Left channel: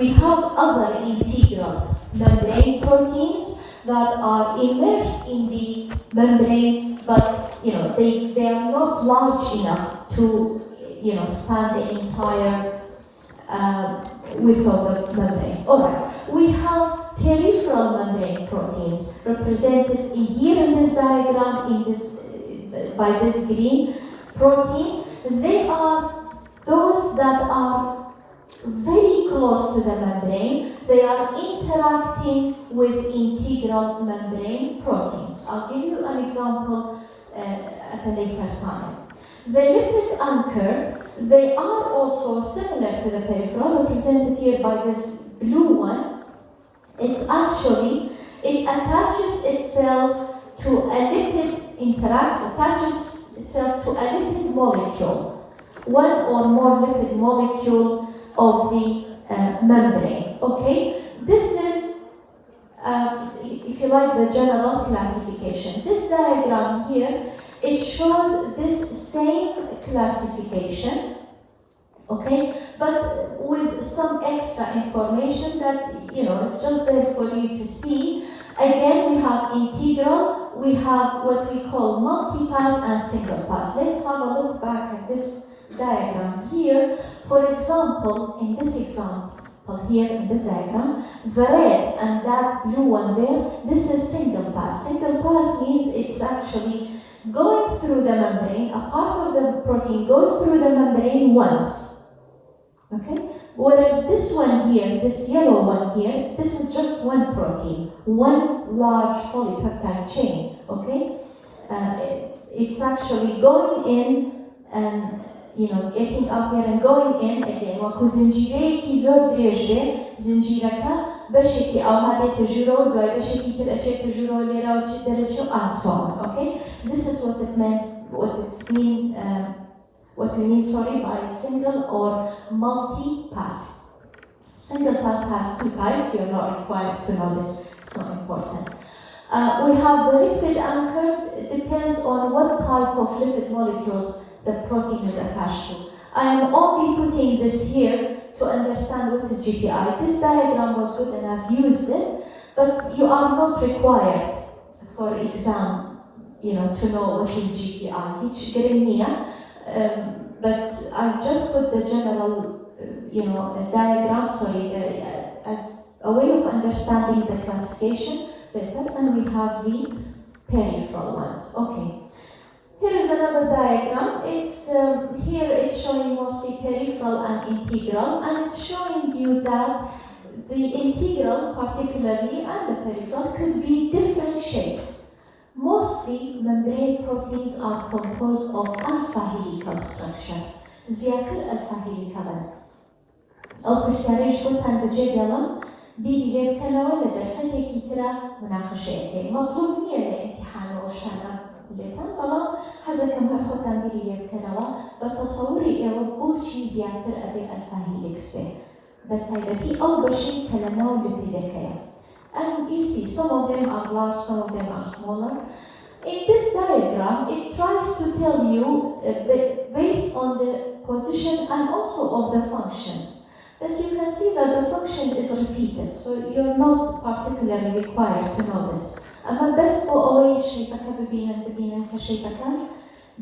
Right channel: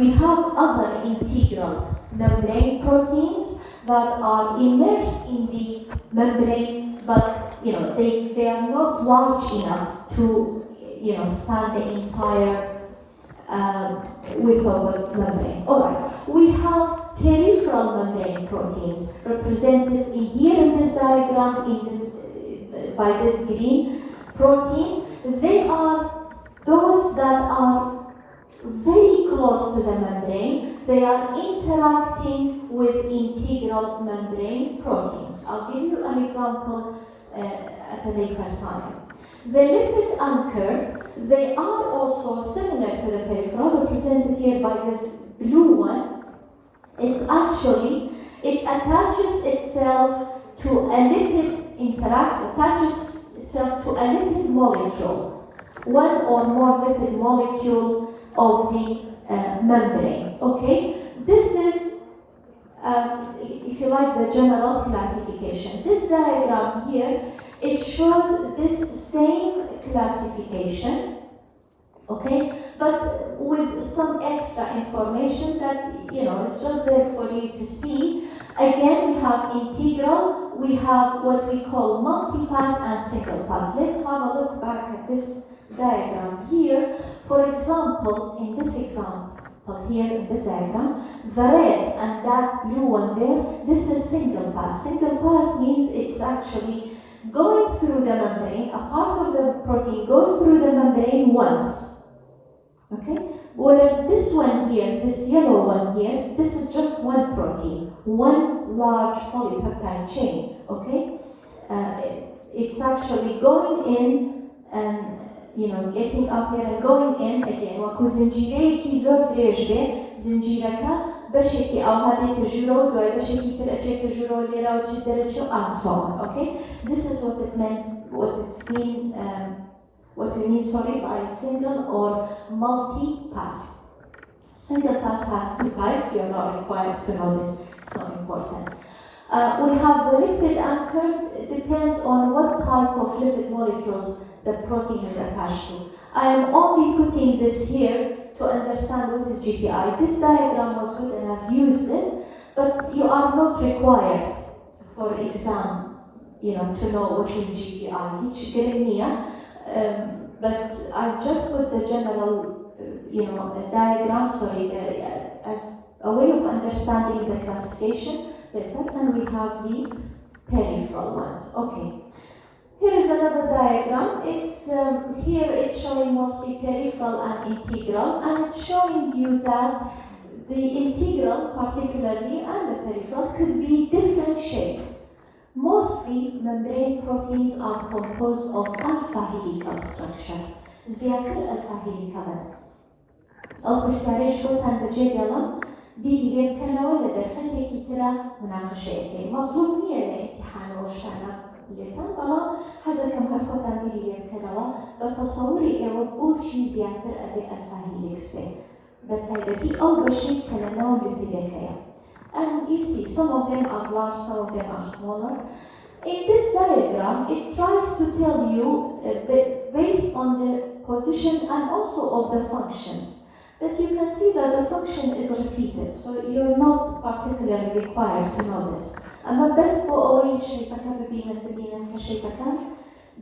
we have other integral membrane proteins that are immersed in the membrane, but they are not large enough to span the entire width of the membrane. Alright, we have peripheral membrane proteins represented here in this diagram by this green protein. They are those that are very close to the membrane. They are interacting with integral membrane proteins. I'll give you an example at a later time. The lipid anchored, they are also similar to the peripheral, represented here by this blue one. It attaches itself to a lipid, attaches itself to a lipid molecule, one or more lipid molecule of the membrane. Okay, this is, if you like, the general classification. This diagram here, it shows this same classification, okay, but with some extra information that, it's just there for you to see. Again, we have integral, we have what we call multi-pass and single-pass. Let's have a look back at this diagram here. For example, in this example here in this diagram, the red and that blue one there, this is single-pass. Single-pass means it's actually going through the membrane. A part of the protein goes through the membrane once. Okay? Whereas this one here, this yellow one here, this is just one protein, one large polypeptide chain. Okay? It's actually going in and getting up here and going in again. وكو زنجيريكي زور دريجة زنجيركا بشكي آماده تجرو دوي بشكي ترأشي تجرو ليرا وشي درجو and so on. Okay? This is what it meant, what we mean by single or multi-pass. Single pass has two types. You are not required to know this. It's not important. We have the liquid anchored. It depends on what type of lipid molecules the protein is attached to. I am only putting this here to understand what is GPI. This diagram was good and I've used it, but you are not required for exam, to know what is GPI. Each gremia, but I've just put the general, diagram, as a way of understanding the classification better, and we have the peripheral ones. Okay. Here is another diagram. Here it's showing mostly peripheral and integral, and it's showing you that the integral, particularly, and the peripheral could be different shapes. Mostly, membrane proteins are composed of alpha helical structure. زيادة alpha helical. أو بشتريش بوتان بجدلا بيجيب كنوع لدرفتي كتيرا مناقشة. مطلوب نية الامتحان وشتغل. بلا هذا كم كخوتان بيجيب كنوع بتصوري بوشي زيادة أبي alpha helix به. بالتالي أو بشي كلنا لبداية. And you see, some of them are large, some of them are smaller. In this diagram, it tries to tell you, based on the position and also of the functions. But you can see that the function is repeated, so you're not particularly required to know this. أما بس بقوي شيء ببينا كشيء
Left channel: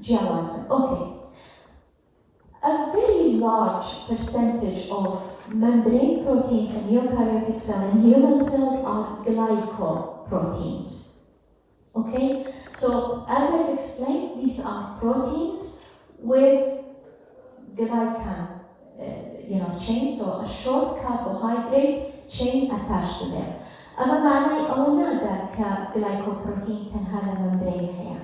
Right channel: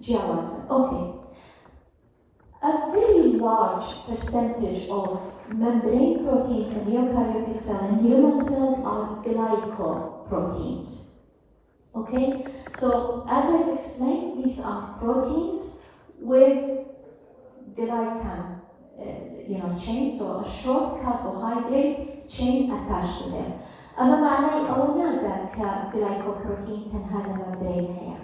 جواز. Okay. A very large percentage of membrane proteins in eukaryotic cells and human cells are glycoproteins. Okay, so as I've explained, these are proteins with glycan, chain, so a short carbohydrate chain attached to them. أما معنى أولادا كglycoprotein تنهال membrane هي.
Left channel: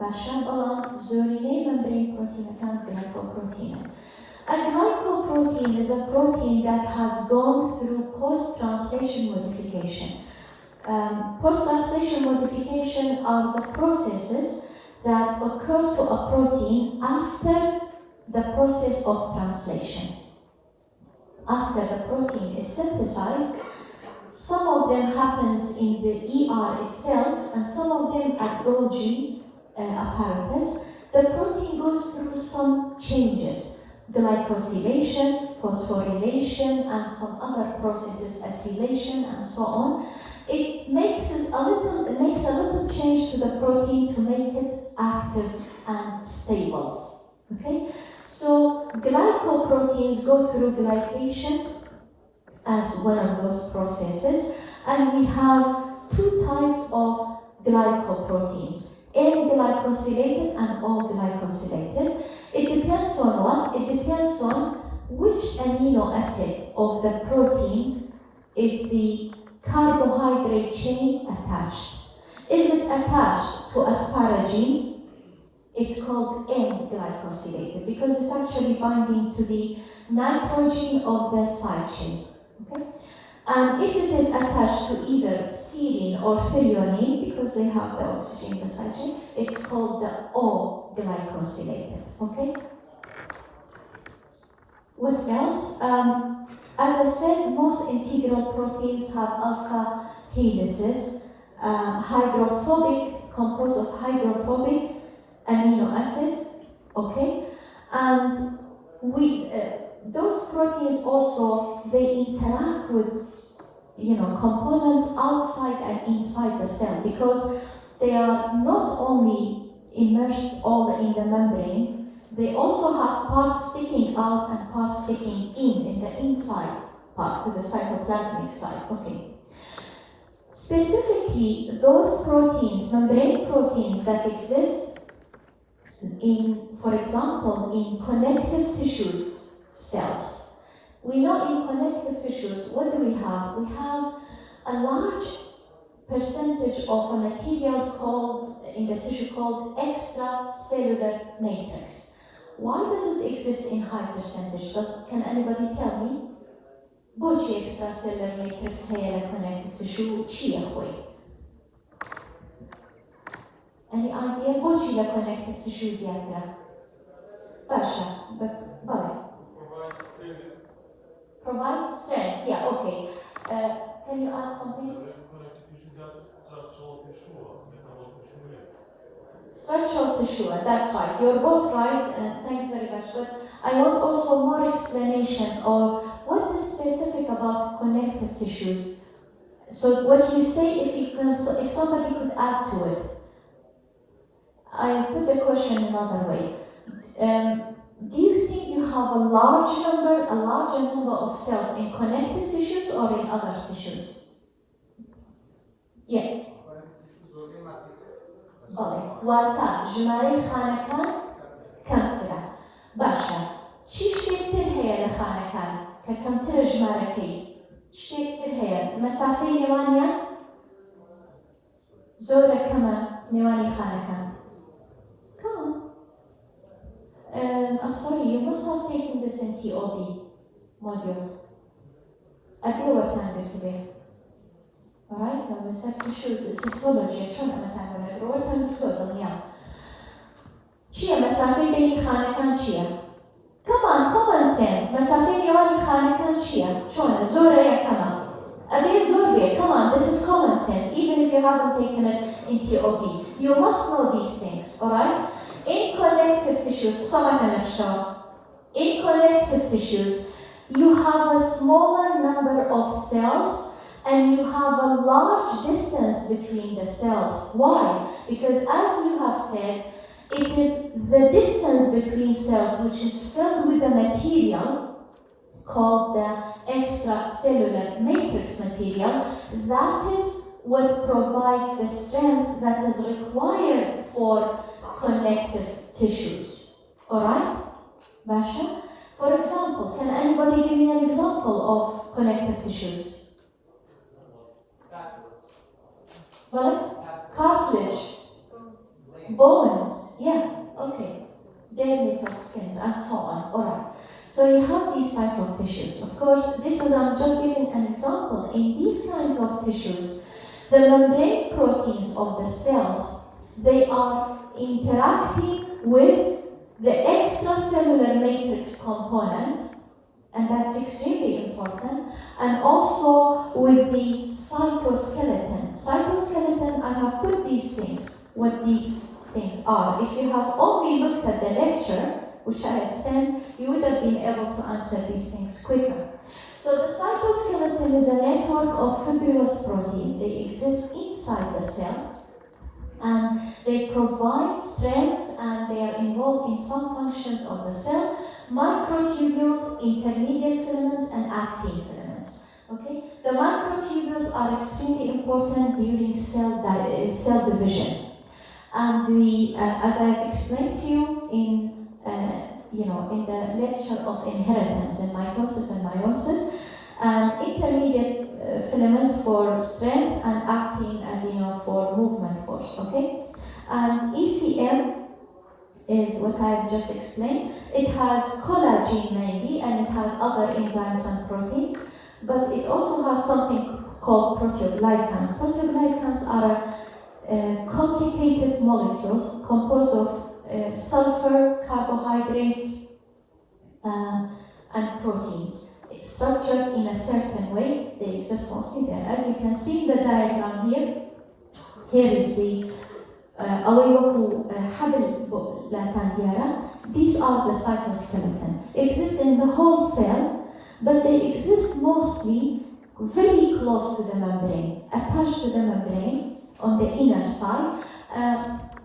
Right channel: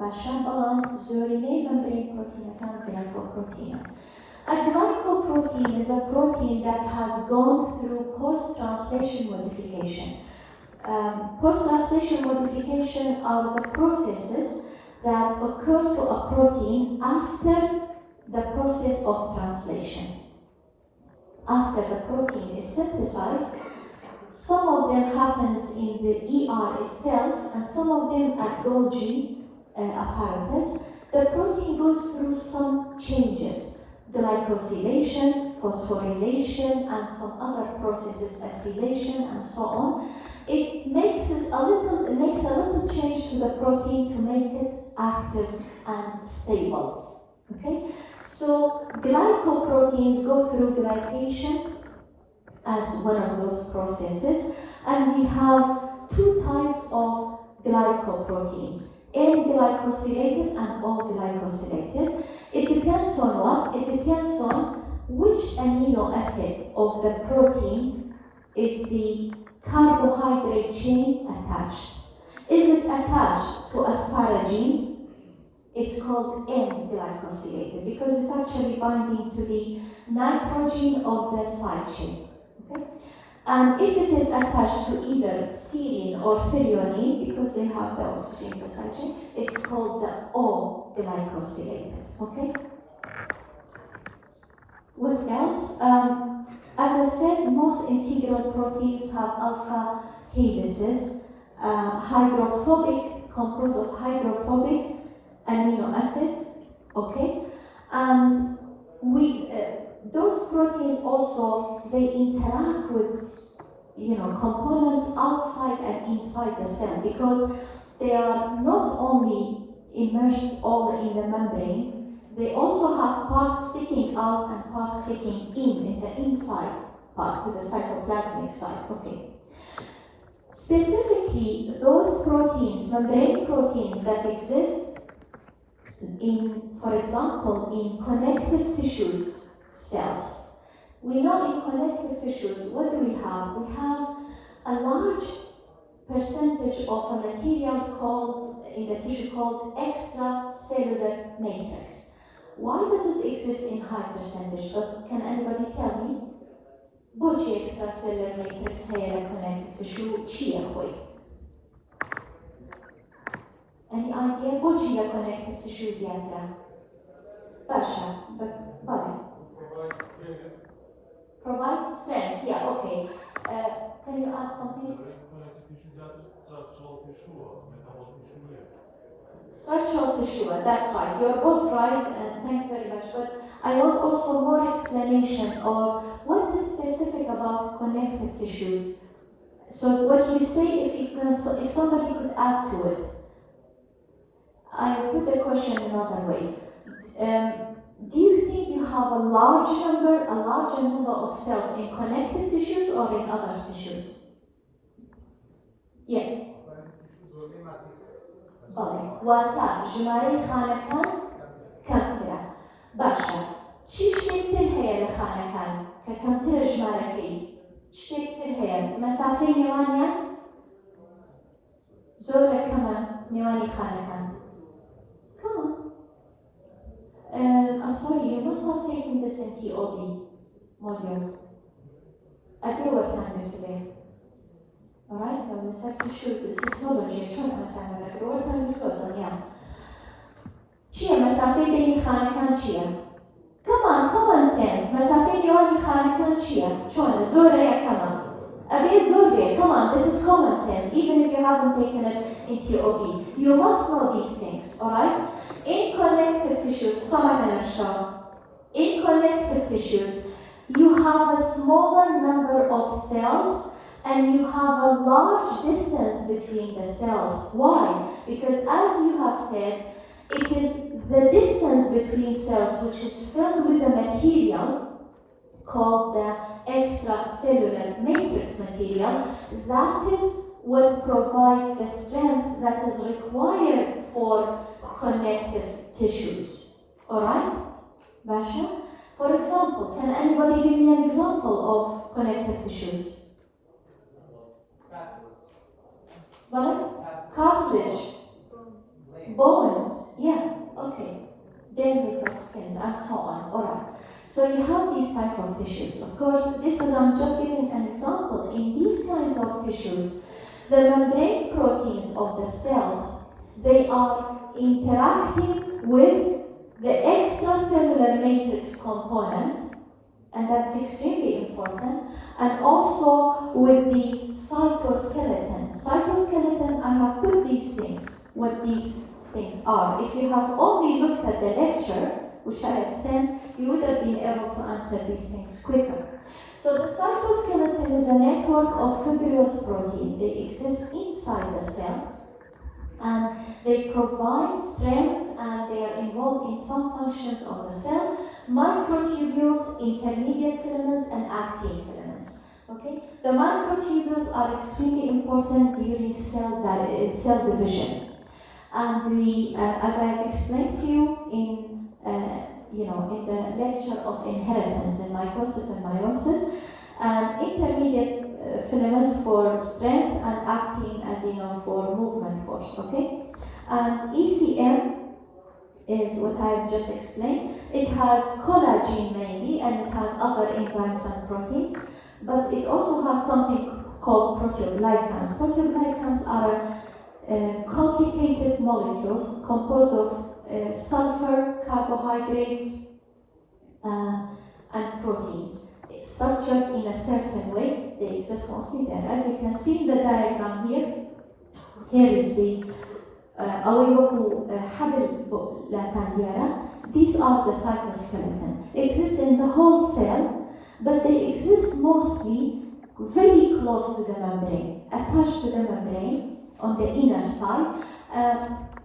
عشان بلان زوريني membrane protein كان glycoprotein. A glycoprotein is a protein that has gone through post-translation modification. Post-translation modification are the processes that occur to a protein after the process of translation. After the protein is synthesized, some of them happens in the ER itself, and some of them at Golgi apparatus. The protein goes through some changes. Glycosylation, phosphorylation, and some other processes, acylation, and so on. It makes a little change to the protein to make it active and stable. Okay? So glycoproteins go through glycation as one of those processes, and we have two types of glycoproteins, N-glycosylated and O-glycosylated. It depends on what? It depends on which amino acid of the protein is the carbohydrate chain attached. Is it attached to asparagine? It's called N-glycosylated because it's actually binding to the nitrogen of the side chain. Okay? And if it is attached to either serine or threonine, because they have the oxygen in the side chain, it's called the O-glycosylated. Okay? What else? As I said, most integral proteins have alpha helices, hydrophobic, composed of hydrophobic amino acids, okay? And those proteins also, they interact with, components outside and inside the cell because they are not only immersed all in the membrane, they also have parts sticking out and parts sticking in the inside part, to the cytoplasmic side, okay? Specifically, those proteins, membrane proteins that exist in, for example, in connective tissues cells. We know in connective tissues, what do we have? We have a large percentage of a material called, in the tissue called extracellular matrix. Why does it exist in high percentage? Can anybody tell me? Which extracellular matrix here in connective tissue? Any idea? Which connective tissue is there? Basha, provide strength, yeah, okay. Can you add something? Structural tissue, that's right. You're both right, and thanks very much. But I want also more explanation of what is specific about connective tissues. So what you say, if somebody could add to it. I put the question another way. Do you think you have a larger number of cells in connective tissues or in other tissues? Yeah. واتە ژمارەی خانەکان کەمترە. باشە. چی شتێکتر هەیە لە خانەکان کە کەمترە ژمارەکەی؟ شتێکتر هەیە. مەسافەی نێوانیان زۆرە کەمە نێوانی خانەکان. Come on. I'm sorry, you must have taken this in TOB module. I'll be working on it today. Alright, I'm going to start to shoot this histology and try to find out what I'm doing. Yeah. Chia, masafi beni khanekan chia. Come on, common sense. Masafi beni khanekan chia. Chon, zora yakama. Abi zorbe, come on, this is common sense. Even if you haven't taken it in TOB, you must know these things. Alright? In connective tissues, in connective tissues, you have a smaller number of cells and you have a large distance between the cells. Why? Because as you have said, it is the distance between cells which is filled with a material called the extracellular matrix material. That is what provides the strength that is required for connective tissues. Alright? Basha? For example, can anybody give me an example of connective tissues? Cartilage, bones, yeah, okay. There is some skins and so on. Alright. So you have these type of tissues. Of course, I'm just giving an example. In these kinds of tissues, the membrane proteins of the cells, they are interacting with the extracellular matrix component, and that's extremely important, and also with the cytoskeleton. Cytoskeleton, I have put these things, what these things are. If you have only looked at the lecture, which I have sent, you would have been able to answer these things quicker. So the cytoskeleton is a network of fibrous protein. They exist inside the cell, and they provide strength, and they are involved in some functions of the cell: microtubules, intermediate filaments, and actin filaments. Okay, the microtubules are extremely important during cell division, and as I have explained to you in the lecture of inheritance and mitosis and meiosis, and intermediate filaments for strength, and actin, as you know, for movement force. Okay, and ECM is what I have just explained. It has collagen mainly, and it has other enzymes and proteins, but it also has something called proteoglycans. Proteoglycans are complicated molecules composed of sulfur, carbohydrates, and proteins. It's structured in a certain way. They exist mostly there. As you can see in the diagram here, here is the these are the cytoskeleton. They exist in the whole cell, but they exist mostly very close to the membrane, attached to the membrane on the inner side.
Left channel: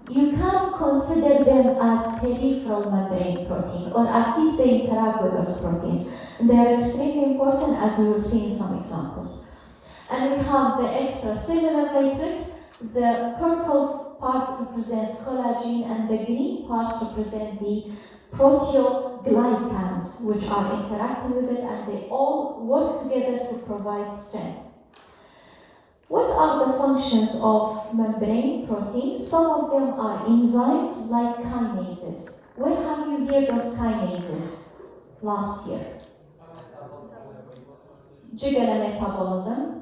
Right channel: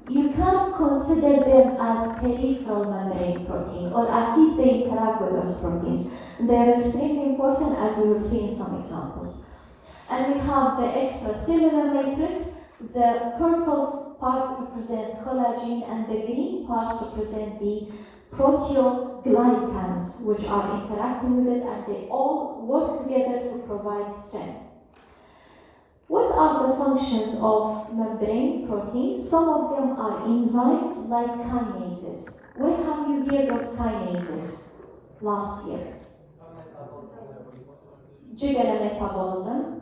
You can consider them as peripheral membrane protein, or at least they interact with those proteins. They are extremely important, as we will see in some examples. And we have the extracellular matrix. The purple part represents collagen, and the green parts represent the proteoglycans, which are interacting with it, and they all work together to provide strength. What are the functions of membrane proteins? Some of them are enzymes like kinases. Where have you heard of kinases last year? Jigger metabolism.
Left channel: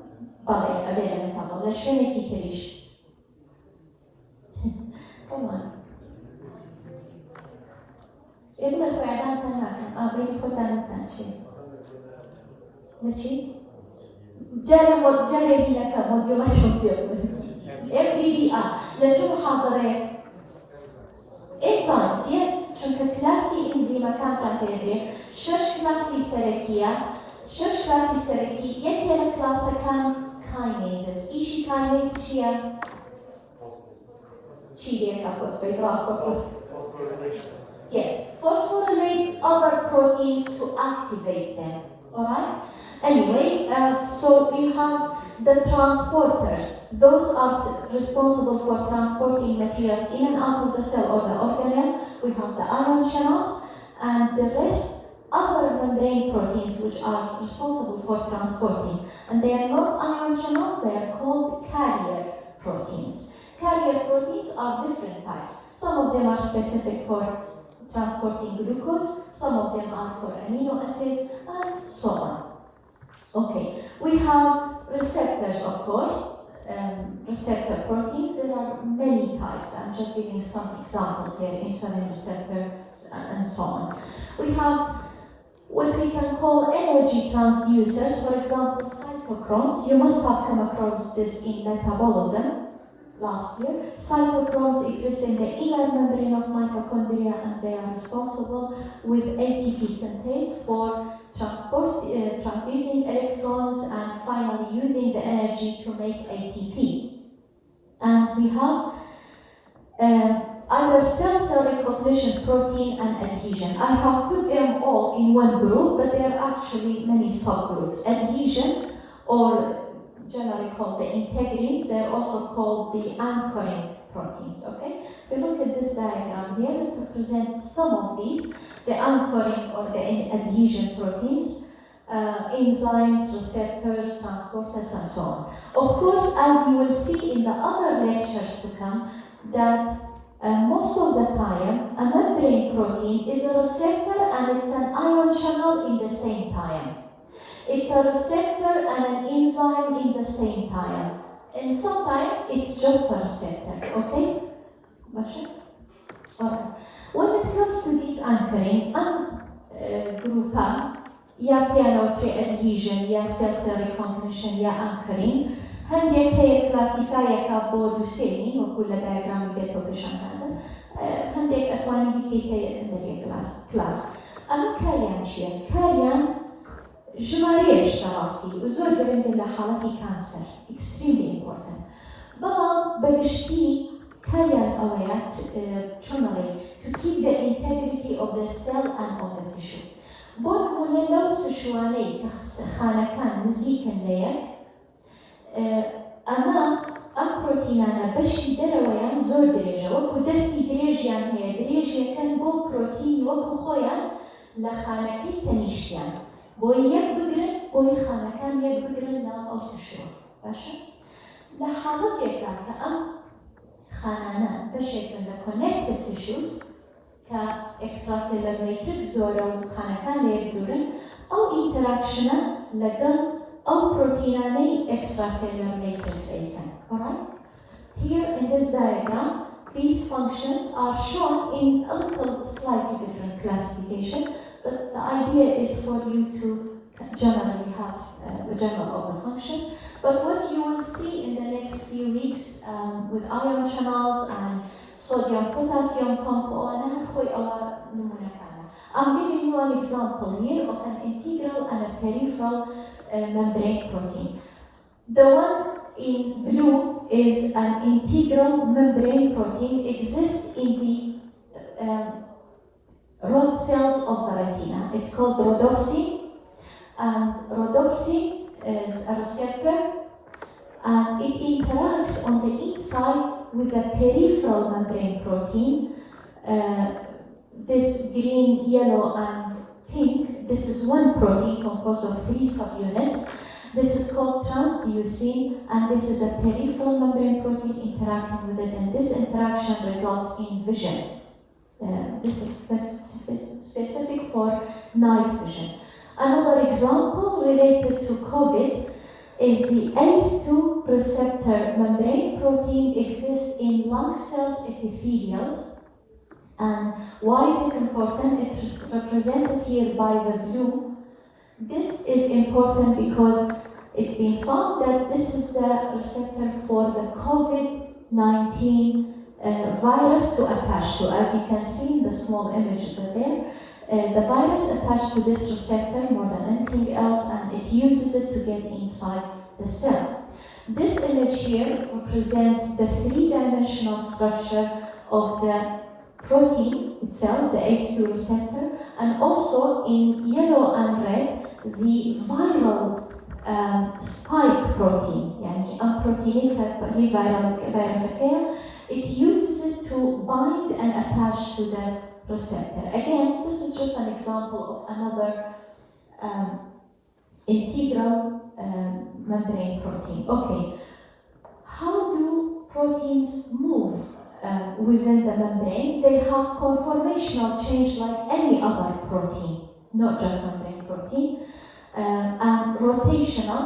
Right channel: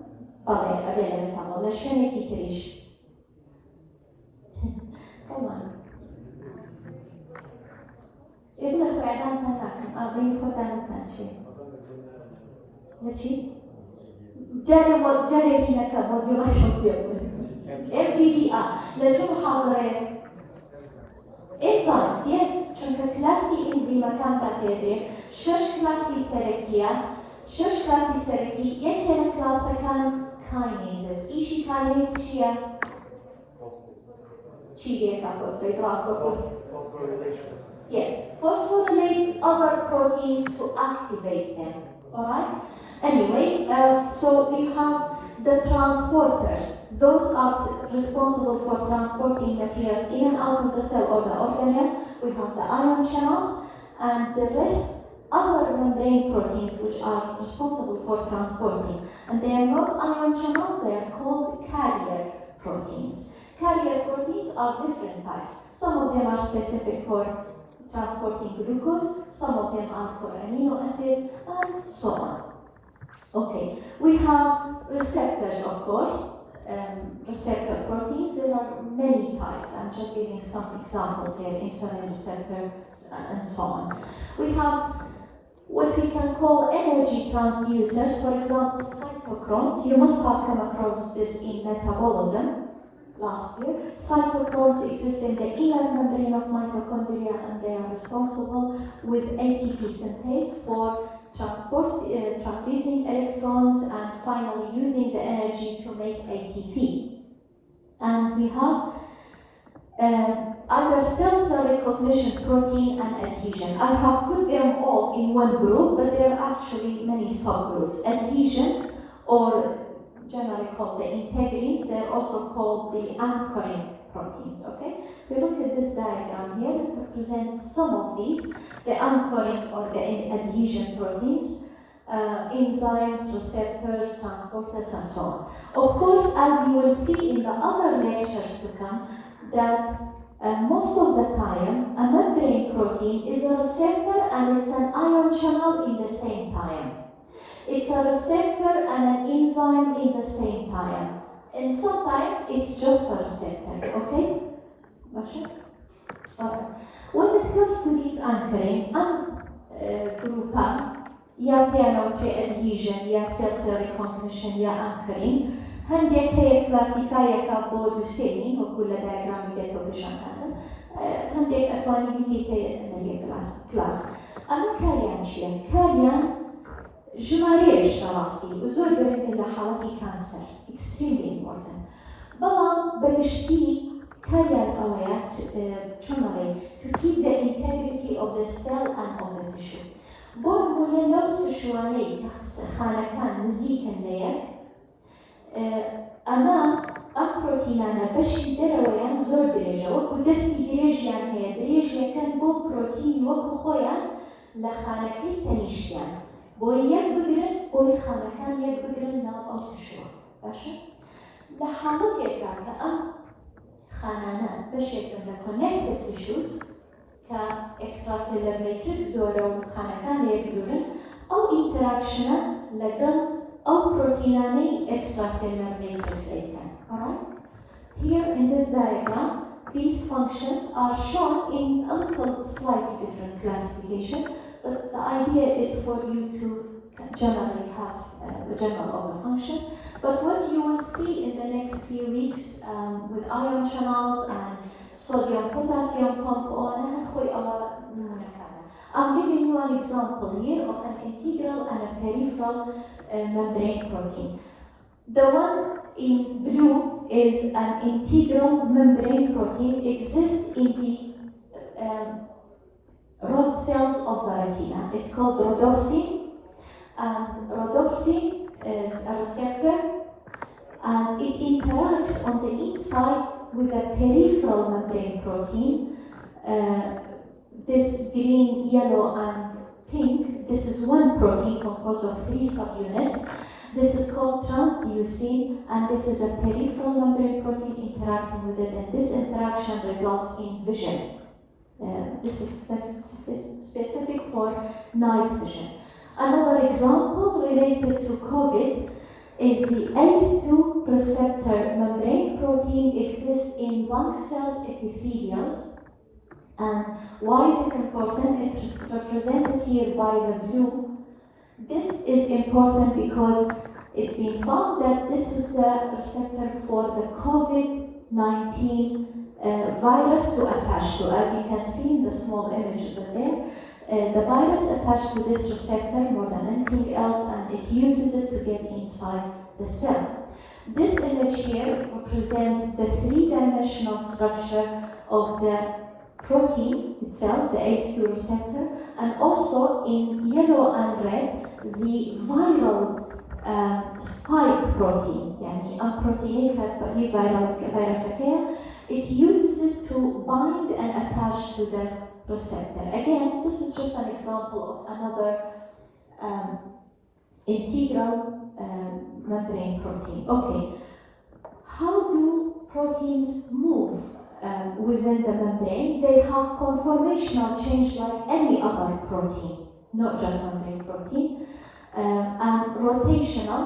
Come on. إما فعلا تناكم أبين خدام تنشي. لشي؟ جاي هنا كموديوليشن فيلتر. FGDR. لشي محاضرة. Enzymes, yes. شنك كلاسي إنزيم كم تنبيه. شش كلاسي سركية. شش كلاسي سركي. يكين كلاس كان kinases. إيشي kinase شيا. Yes, phosphorylates other proteins to activate them. Alright? Anyway, so you have the transporters. Those are responsible for transporting materials in and out of the cell or the organelle. We have the ion channels, and the rest other membrane proteins which are responsible for transporting. And they are not ion channels, they are called carrier proteins. Carrier proteins are different types. Some of them are specific for transporting glucose, some of them are for amino acids, and so on. Okay, we have receptors, of course, receptor proteins. There are many types. I'm just giving some examples here, insulin receptors, and so on. We have what we can call energy transducers, for example, cytochromes. You must have come across this in metabolism. Last year, cytochromes exist in the inner membrane of mitochondria, and they are responsible with ATP synthase for transducing electrons and finally using the energy to make ATP. And we have either cell recognition protein and adhesion. I have put them all in one group, but there are actually many subgroups. Adhesion, or generally called the integrins, they're also called the anchoring proteins, okay? If you look at this diagram here, it represents some of these, the anchoring or the adhesion proteins, enzymes, receptors, transporters, and so on. Of course, as you will see in the other lectures to come, that most of the time, a membrane protein is a receptor and it's an ion channel in the same time. It's a receptor and an enzyme in the same time. And sometimes it's just a receptor, okay? Alright. When it comes to this anchoring, group ya piano pre-adhesion, ya cell recognition, ya anchoring, هنديك هي كلاسيكاية كابو دوسيني وكل دايجرام بيتو بشان هذا هەندێک ئەتوانی بیکەیتە دەرێ کلاس. ئەمە کاریان چییە؟ کاریان ژمارەیەشتە ڕاستی و زۆر گەرەنگە لە حاڵەتی کانسەر extremely important. بەڵام بەگشتی کاریان ئەوەیە چۆن بڵێ to keep the integrity of the cell and of the tissue. بۆ نمونە لەو تشوانەی خانەکان نزیکن لە یەک ئەمە ئەم پرۆتینانە بەشی دەرەوەیان زۆر درێژە وەکو دەستی درێژیان هەیە درێژیەکەن بۆ پرۆتینی وەکو خۆیان لە خانەکەی تەنیشتیان بۆی یەک بگرن بۆی خانەکان یەک بگرن ناو ئەو تشوە باشە؟ لە حاڵەتێکدا کە ئەم خانانە بەشێکن لە connective tissues کە extracellular matrix زۆرە و خانەکان یەک دوورن ئەو ئینتراکشنە لەگەڵ ئەو پرۆتینانەی extracellular matrix ئەیکەن. Alright? Here in this diagram, these functions are shown in a little slightly different classification, but the idea is for you to generally have a general of the function. But what you will see in the next few weeks with ion channels and sodium-potassium component, I'm giving you an example here of an integral and a peripheral membrane protein. The one in blue is an integral membrane protein, exists in the rod cells of the retina. It's called rhodopsin, and rhodopsin is a receptor, and it interacts on the inside with the peripheral membrane protein. This green, yellow, and pink, this is one protein composed of 3 subunits. This is called transducin, and this is a peripheral membrane protein interacting with it, and this interaction results in vision. This is specific for night vision. Another example related to COVID is the ACE2 receptor membrane protein exists in lung cells epithelials. And why is it important? It's represented here by the blue. This is important because it's been found that this is the receptor for the COVID-19 virus to attach to. As you can see in the small image there, the virus attached to this receptor more than anything else, and it uses it to get inside the cell. This image here represents the 3-dimensional structure of the protein itself, the ACE2 receptor, and also in yellow and red, the viral spike protein, يعني protein it uses it to bind and attach to this receptor. Again, this is just an example of another integral membrane protein. Okay, how do proteins move within the membrane? They have conformational change like any other protein, not just membrane protein, and rotational,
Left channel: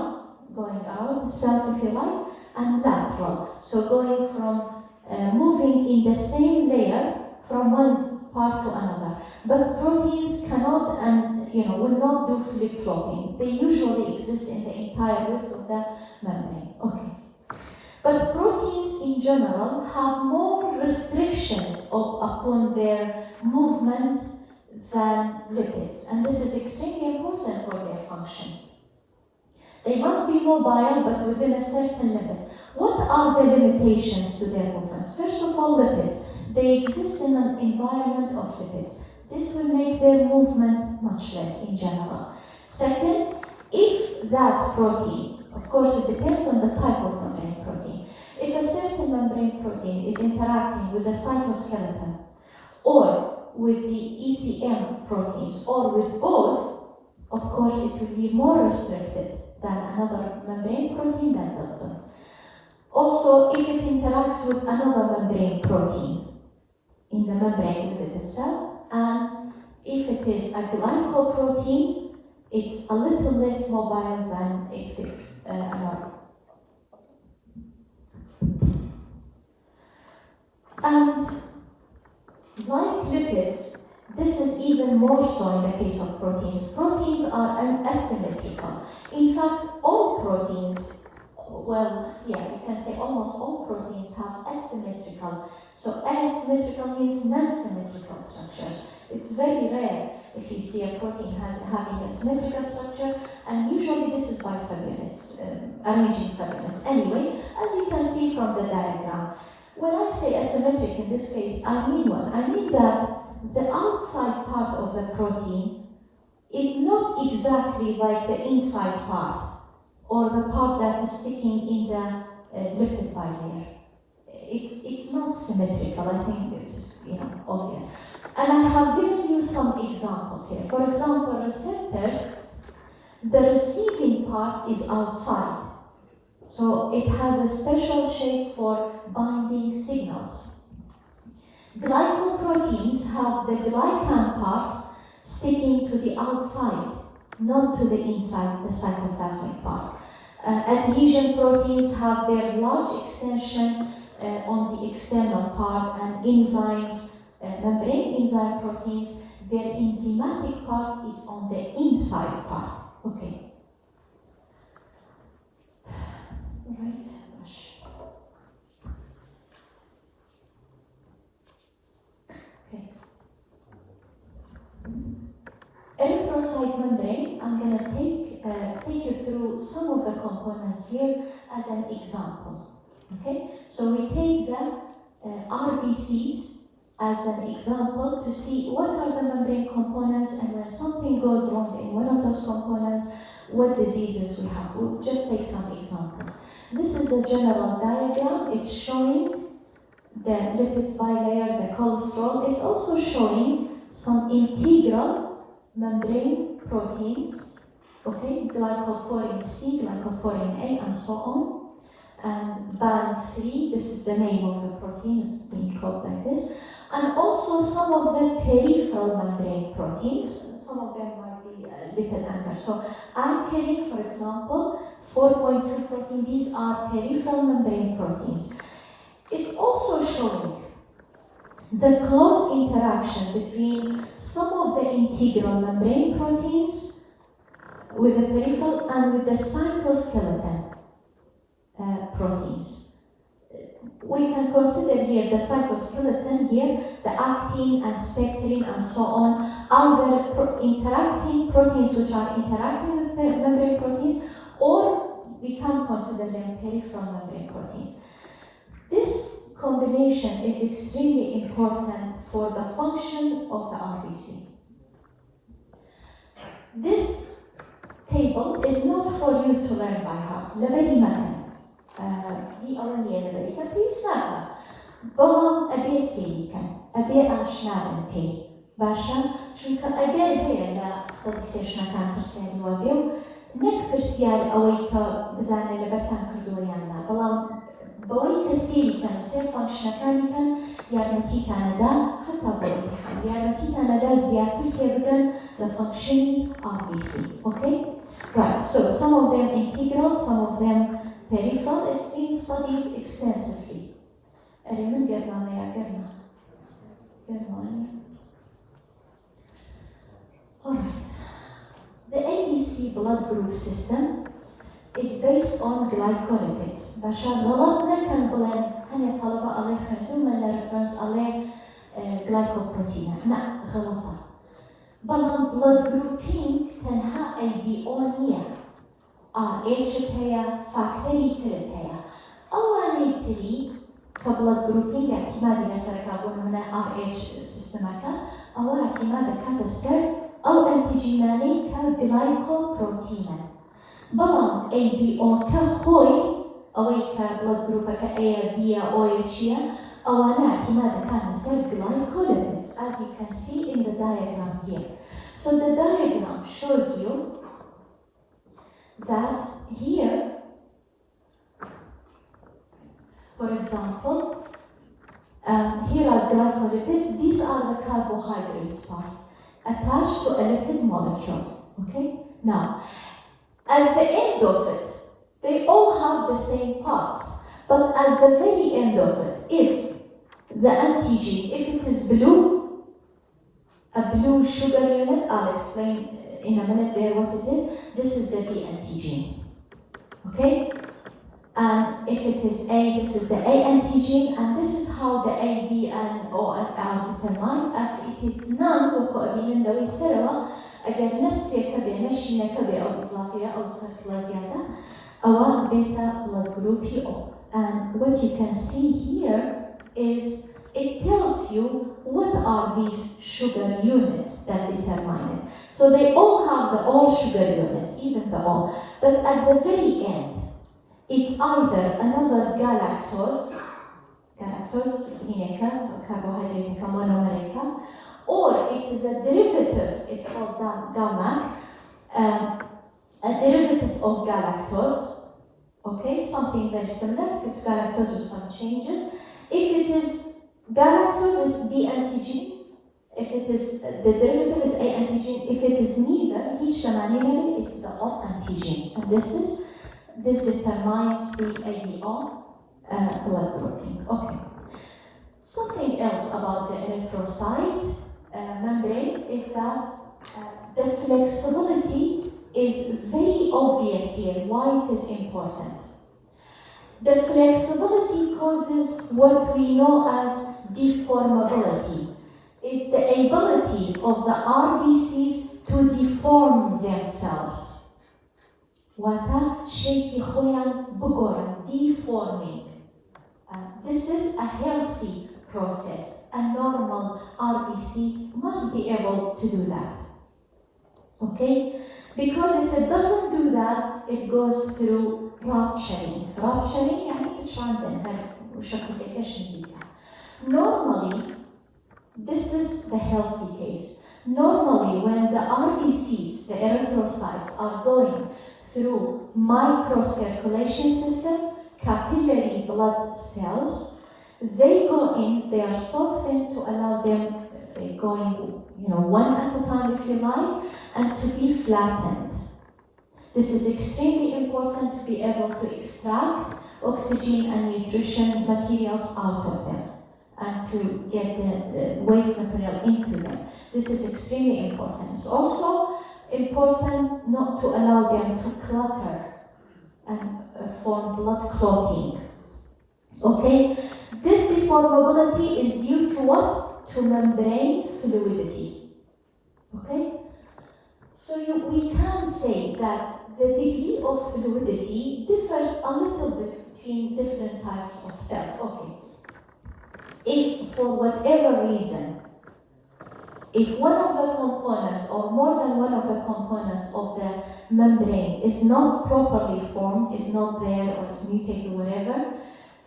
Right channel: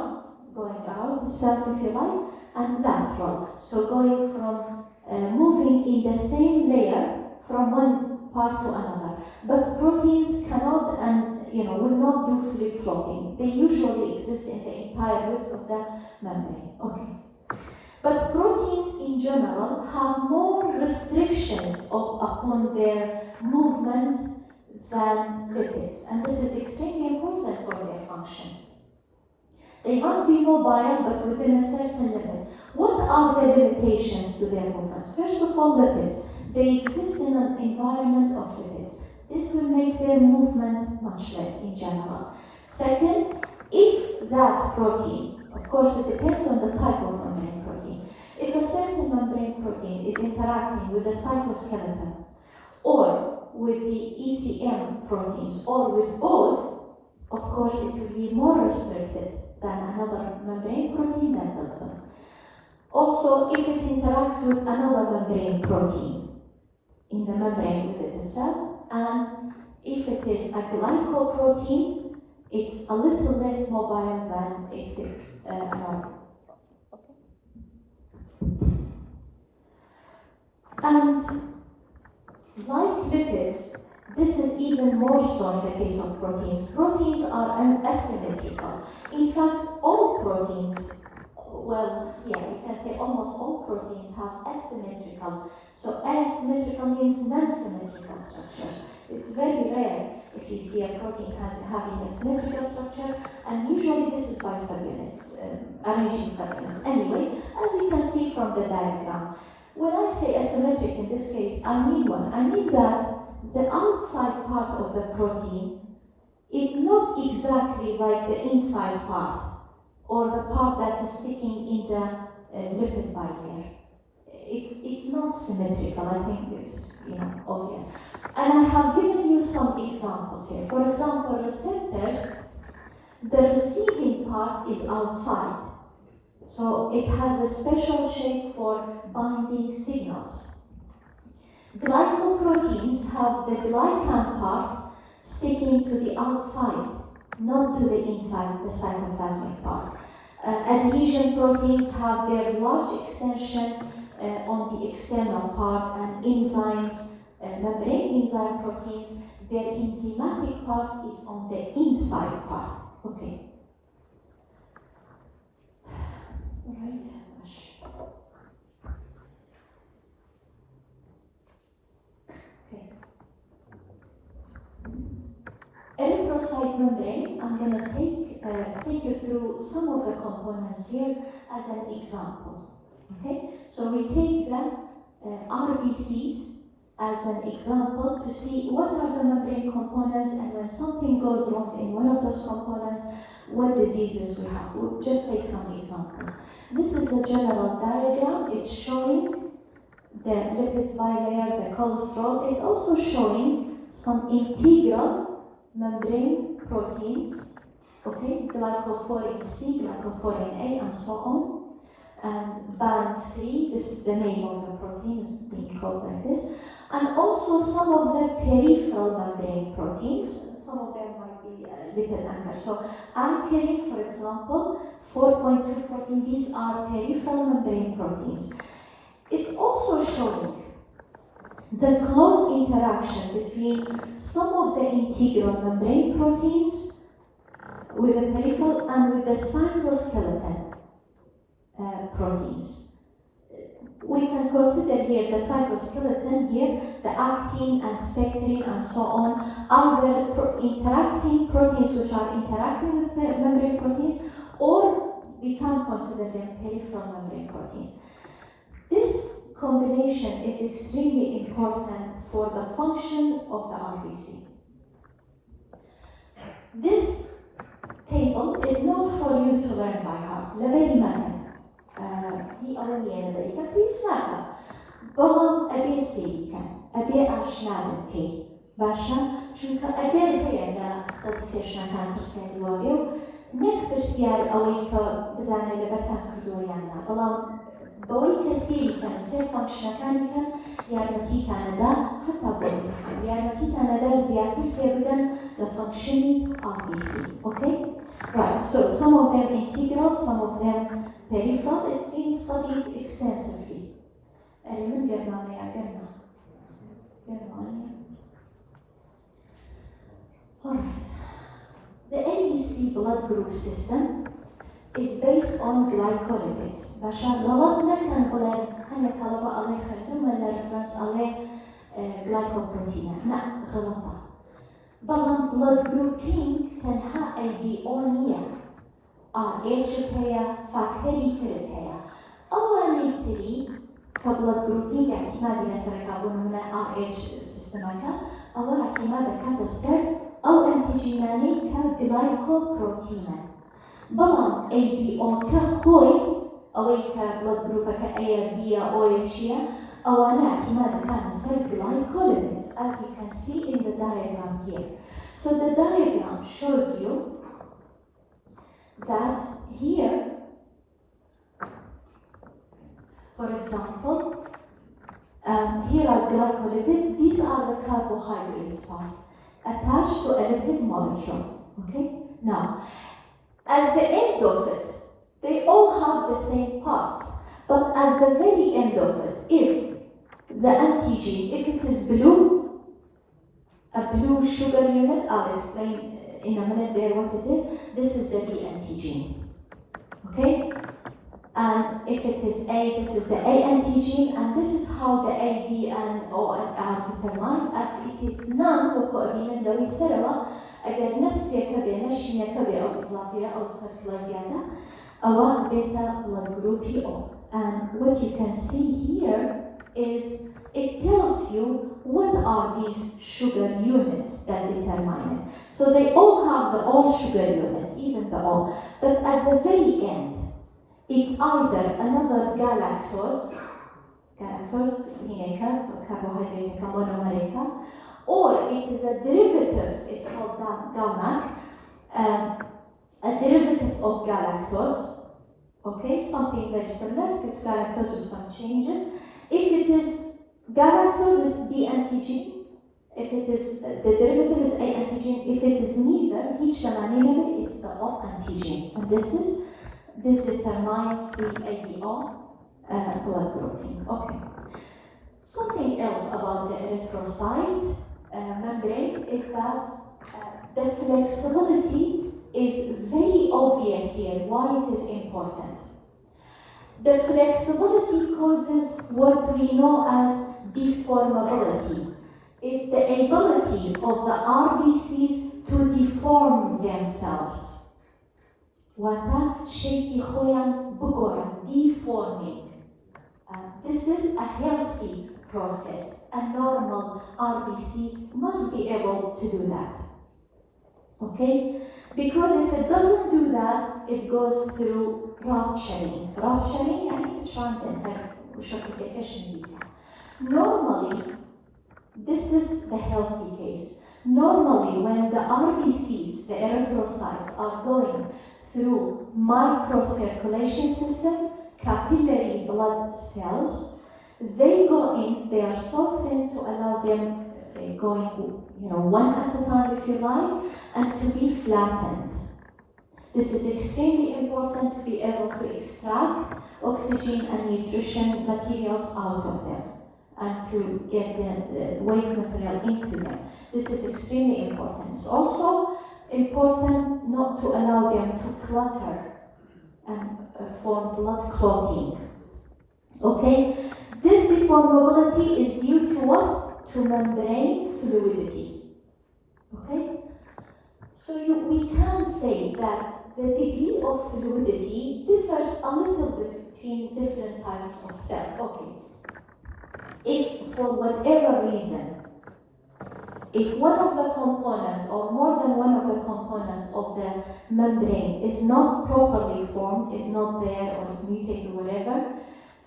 going around the cell if you like, and lateral, so going from moving in the same layer from one part to another. But proteins cannot and will not do flip-flopping. They usually exist in the entire width of the membrane. Okay. But proteins in general have more restrictions upon their movement than lipids, and this is extremely important for their function. They must be mobile, but within a certain limit. What are the limitations to their movement? First of all, lipids. They exist in an environment of lipids. This will make their movement much less in general. Second, if that protein, of course it depends on the type of membrane protein, if a certain membrane protein is interacting with the cytoskeleton or with the ECM proteins or with both, of course it will be more restricted than another membrane protein that doesn't. Also, if it interacts with another membrane protein in the membrane within the cell, and if it is a glycoprotein, it's a little less mobile than if it's another. And like lipids, this is even more so in the case of proteins. Proteins are asymmetrical. In fact, all proteins, well, yeah, you can say almost all proteins have asymmetrical So asymmetrical means non-symmetrical structures. It's very rare if you see a protein having a symmetrical structure, and usually this is by subunits, arranging subunits. Anyway, as you can see from the diagram, when I say asymmetric in this case, I mean what? I mean that the outside part of the protein is not exactly like the inside part, or the part that is sticking in the lipid bilayer. It's not symmetrical. I think it's obvious. And I have given you some examples here. For example, receptors, the receiving part is outside. So it has a special shape for binding signals. Glycoproteins have the glycan part sticking to the outside, not to the inside, the cytoplasmic part. Adhesion proteins have their large extension on the external part, and enzymes, membrane enzyme proteins, their enzymatic part is on the inside part. Okay. Right. Okay. Erythrocyte membrane, I'm going to take you through some of the components here as an example. Okay, so we take the RBCs as an example to see what are the membrane components, and when something goes wrong in one of those components, what diseases we have. We'll just take some examples. This is a general diagram. It's showing the lipids bilayer, the cholesterol. It's also showing some integral membrane proteins, okay, glycophorin C, glycophorin A, and so on. And band 3, this is the name of the protein, is being called like this. And also some of the peripheral membrane proteins, some of them might be lipid anchors. So anchoring, for example, 4.2 protein, these are peripheral membrane proteins. It's also showing the close interaction between some of the integral membrane proteins with the peripheral and with the cytoskeleton proteins. We can consider here the cytoskeleton here, the actin and spectrin and so on, either interacting proteins which are interacting with membrane proteins, or we can consider them peripheral membrane proteins. This combination is extremely important for the function of the RBC. This table is not for you to learn by heart. سادة بەڵام ئەبێ سێریکەن ئەبێ ئاشناون پێی باشە چونکە ئەگەر هەیە لە سێشنەکان پرسیاری وا بێ و نەک پرسیار ئەوەی کە بزانێ لەبەرتان کردووە یان نا بەڵام بەوەی کە سێریکەن و سێر فانکشنەکانیکەن یارمەتیتانەدا هەتا بۆ ئیمتحان یارمەتیتانەدا زیاتر تێبگەن لە فانکشنی RBC. Okay? Right, so some of them integral, some of them peripheral. It's been studied extensively. Alright. The ABC blood group system is based on glycolipids. باشا غلطنا كان قلنا هلا طلبة عليه خندوم ولا رفرنس عليه glycoprotein. لا غلطة. بلان blood grouping تنها ABO نية. RH هي فاكتوري تلت هي. أول نيتري كبلاد جروبينج اعتمادي لسر كابون من RH سيستماكا أو اعتماد كاد السر أو أنتيجيناني كجلايكوبروتينا. بلان ABO كخوي أو كبلاد جروبا كA B أو H أو أنا اعتماد كان السر glycolipids, as you can see in the diagram here. So the diagram shows you that here, for example, here are glycolipids. These are the carbohydrates part attached to a lipid molecule. Okay? Now, at the end of it, they all have the same parts. But at the very end of it, if the antigen, if it is blue, a blue sugar unit, I'll explain in a minute there what it is. This is the B antigen. Okay? And if it is A, this is the A antigen, and this is how the A, B, and O and R determined. If it is none, وكأبين ذوي سروا أجل نسبة كبيرة نشينة كبيرة أو إضافية أو صفر زيادة أوان بيتا blood group PO. And what you can see here is it tells you what are these sugar units that determine it. So they all have the all sugar units, even the O, but at the very end, it's either another galactose, carbohydrate, monomer, or it is a derivative, it's called GalNAc, a derivative of galactose, okay, something very similar to galactose with some changes. If it is galactose, is B antigen. If it is the derivative is A antigen. If it is neither, it's the O antigen. And this determines the ABO blood grouping. Okay. Something else about the erythrocyte membrane is that the flexibility is very obvious here. Why it is important? The flexibility causes what we know as deformability. It's the ability of the RBCs to deform themselves. Deforming. This is a healthy process. A normal RBC must be able to do that. Okay? Because if it doesn't do that, it goes through rupturing. Rupturing normally, this is the healthy case. Normally, when the RBCs, the erythrocytes, are going through microcirculation system, capillary blood cells, they go in, they are so thin to allow them going, one at a time if you like, and to be flattened. This is extremely important to be able to extract oxygen and nutrition materials out of them and to get the waste material into them. This is extremely important. It's also important not to allow them to clutter and form blood clotting. Okay? This deformability is due to what? To membrane fluidity. Okay? So we can say that the degree of fluidity differs a little bit between different types of cells. Okay. If for whatever reason, if one of the components or more than one of the components of the membrane is not properly formed, is not there or is mutated or whatever,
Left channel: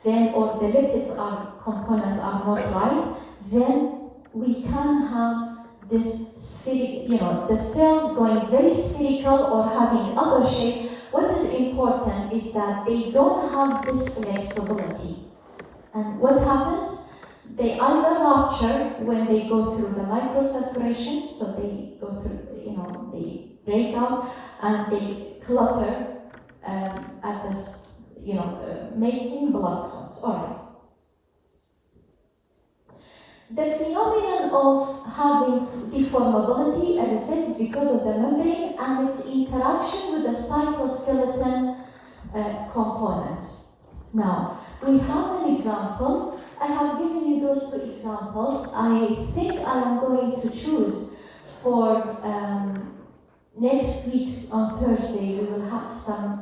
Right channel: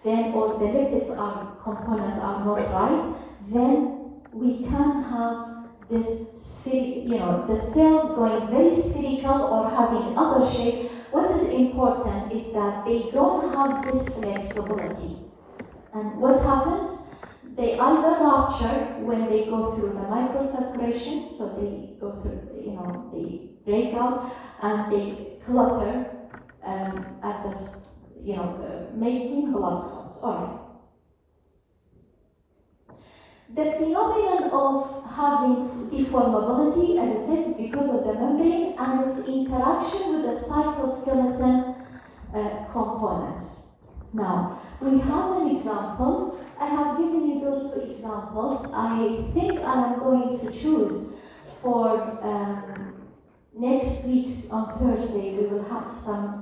then or the lipids components are not right, then we can have this the cells going very spherical or having other shape. What is important is that they don't have this flexibility. And what happens? They either rupture when they go through the microsaturation, so they go through, they break out and they clutter at this, making blood clots. All right. The phenomenon of having deformability, as I said, is because of the membrane and its interaction with the cytoskeleton components. Now, we have an example. I have given you those two examples. I think I'm going to choose for next week's on Thursday. We will have some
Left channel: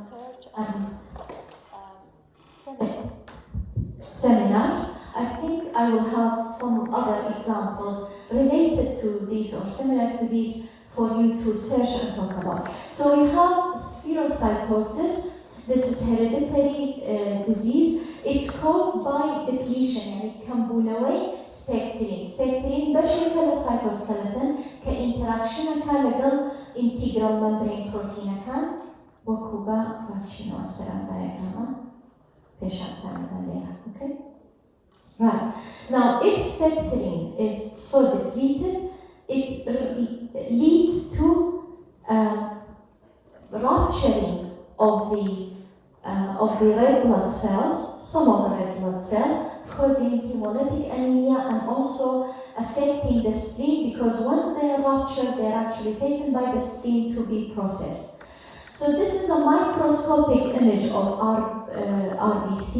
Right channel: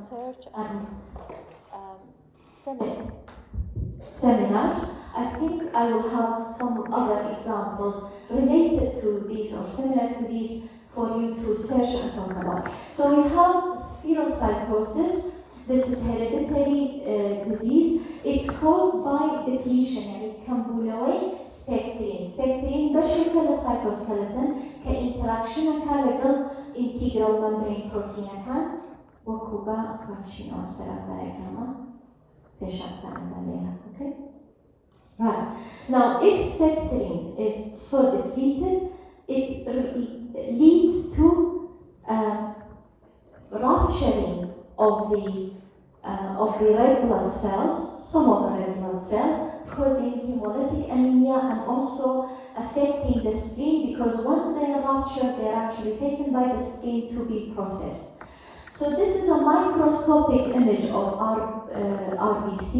seminars. I think I will have some other examples related to these or similar to these for you to search and talk about. So we have spherocytosis. This is hereditary disease. It's caused by depletion. It can pull away spectrin. Spectrin بشكل السيتوسكeleton كinteraction كلقل integral membrane protein كان وكوبا ماشي نوصل diagram بشكل عندنا. Okay. Right. Now, if spectrin is so depleted, it leads to rupturing of the red blood cells, some of the red blood cells, causing hemolytic anemia and also affecting the spleen, because once they are ruptured, they are actually taken by the spleen to be processed. So this is a microscopic image of our RBC.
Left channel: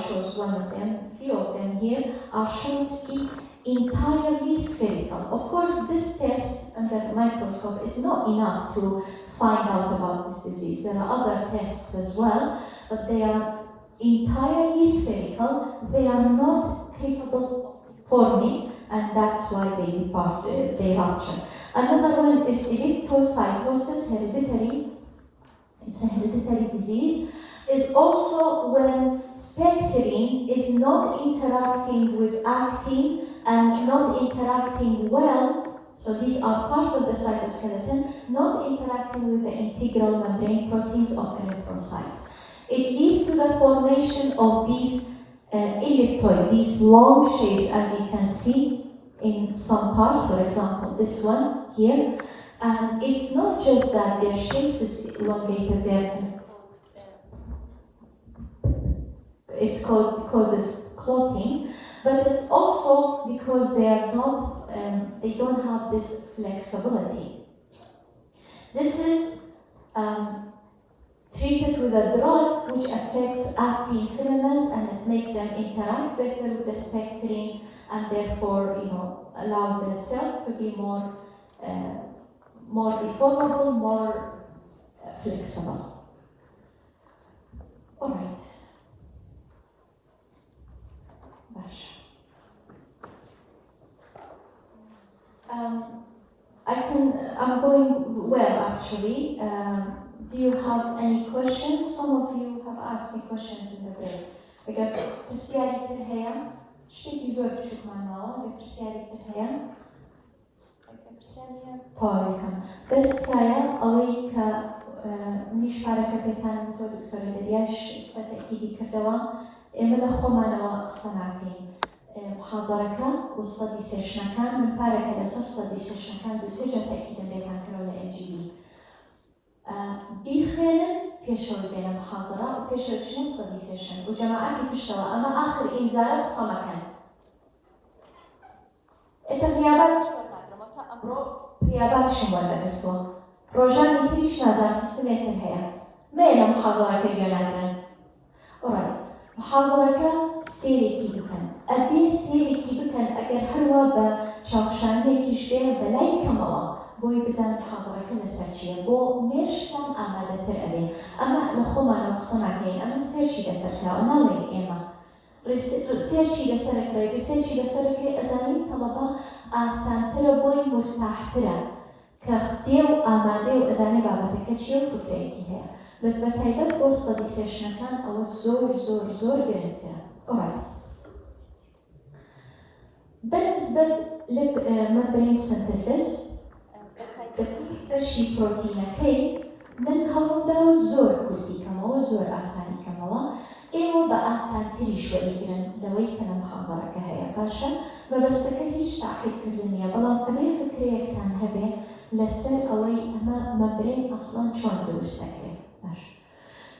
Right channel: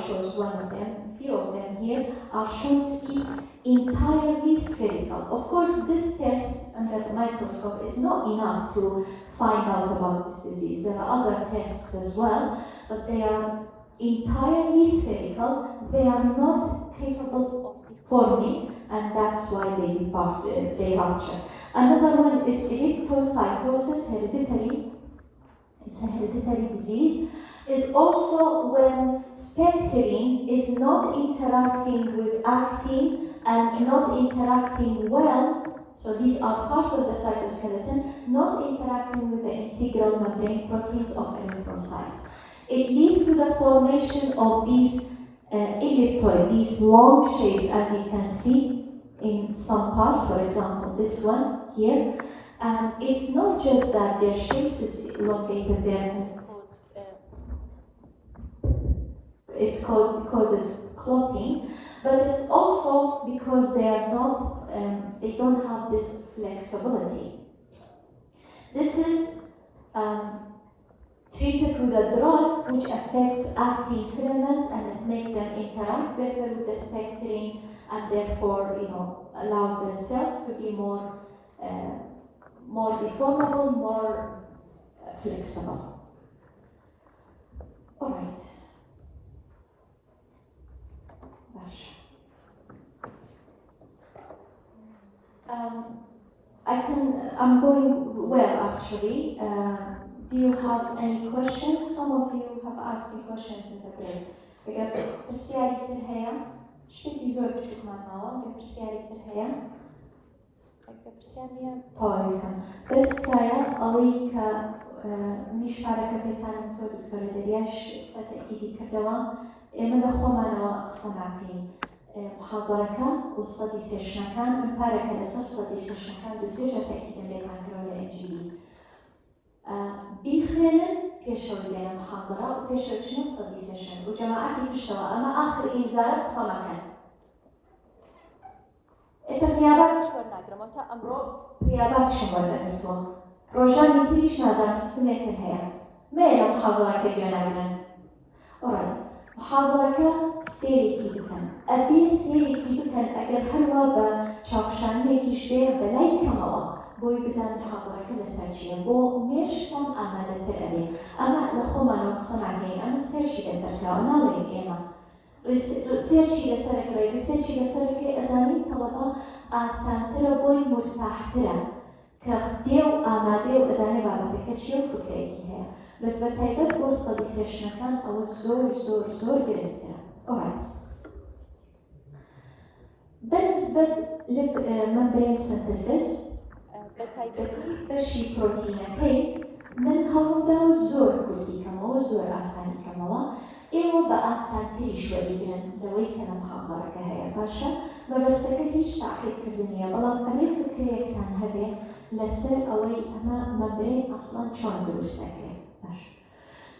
shows one of them. A few of them here are shown to be entirely spherical. Of course, this test under the microscope is not enough to find out about this disease. There are other tests as well, but they are entirely spherical. They are not capable of forming, and that's why they rupture. Another one is erythrocytosis, hereditary. It's a hereditary disease. Is also when spectrin is not interacting with actin and not interacting well. So these are parts of the cytoskeleton not interacting with the integral membrane proteins of erythrocytes. It leads to the formation of these elliptoid, these long shapes, as you can see in some parts, for example, this one here. And it's not just that their shapes is elongated, it causes clotting, but it's also because they are not, they don't have this flexibility. This is treated with a drug which affects actin filaments, and it makes them interact better with the spectrin, and therefore, allow the cells to be more deformable, more flexible. All right. I'm going well, actually. Do you have any questions? Some of you have asked me questions in the break. Because persiari terheya, شتي زور بشوف معنا، persiari terheya. persiari طارقة. بس كايا أويك مش حركة بتاعنا دكتور دلياش استأكيدي كدوا من خمنا سنتين. محاضرة وستدي سيشن كان بالبارك الأساس ستدي سيشن كان بسجل تأكيد عليها نكراوة الإنجيلي. بيخير كشر بين محاضرة وكشر شنو ستدي سيشن وجماعتي بشتغل أما آخر إنزال صلاكن. إنت غيابات شو بدنا أمرو غيابات شو بدنا كتبوا. روجاني تريش نازل سيستمات الحياة. ما يلا محاضرة كجانا. alright. محاضرة سيري بكن. أبي سيري بكن أجر هوا بشوشاني كشبه بلاي كمان بوي بزن محاضرة لسرجية بو مش كان عملت الأبي أما لخوما نقصناكين أما سيرشي لسرجة ونالين إما سيرشي لسرجة أزالي طلبة أسانتر بوي مرتاحترا كخديو أماديو أزالي بابتك تشيو فكريكي هي بس بتايبت وسط دي سيشن كان أو زور جريمتنا. alright. بالنسبة للممبرين سينثيسيس بەشی پرۆتینەکەی من هەوڵدام زۆر کورتی کەمەوە زۆر ئاسانی کەمەوە ئێوە بە ئاسانتری شوەریگرن لەوەی کە لە محاضەرەکە هەیە باشە مەبەستەکە هیچ تاقیدکردن نییە بەڵام ئەمەی فکرەیەکتان هەبێ لەسەر ئەوەی ئەمە مەمبرین ئەسڵان چۆن دروست دەکرێت.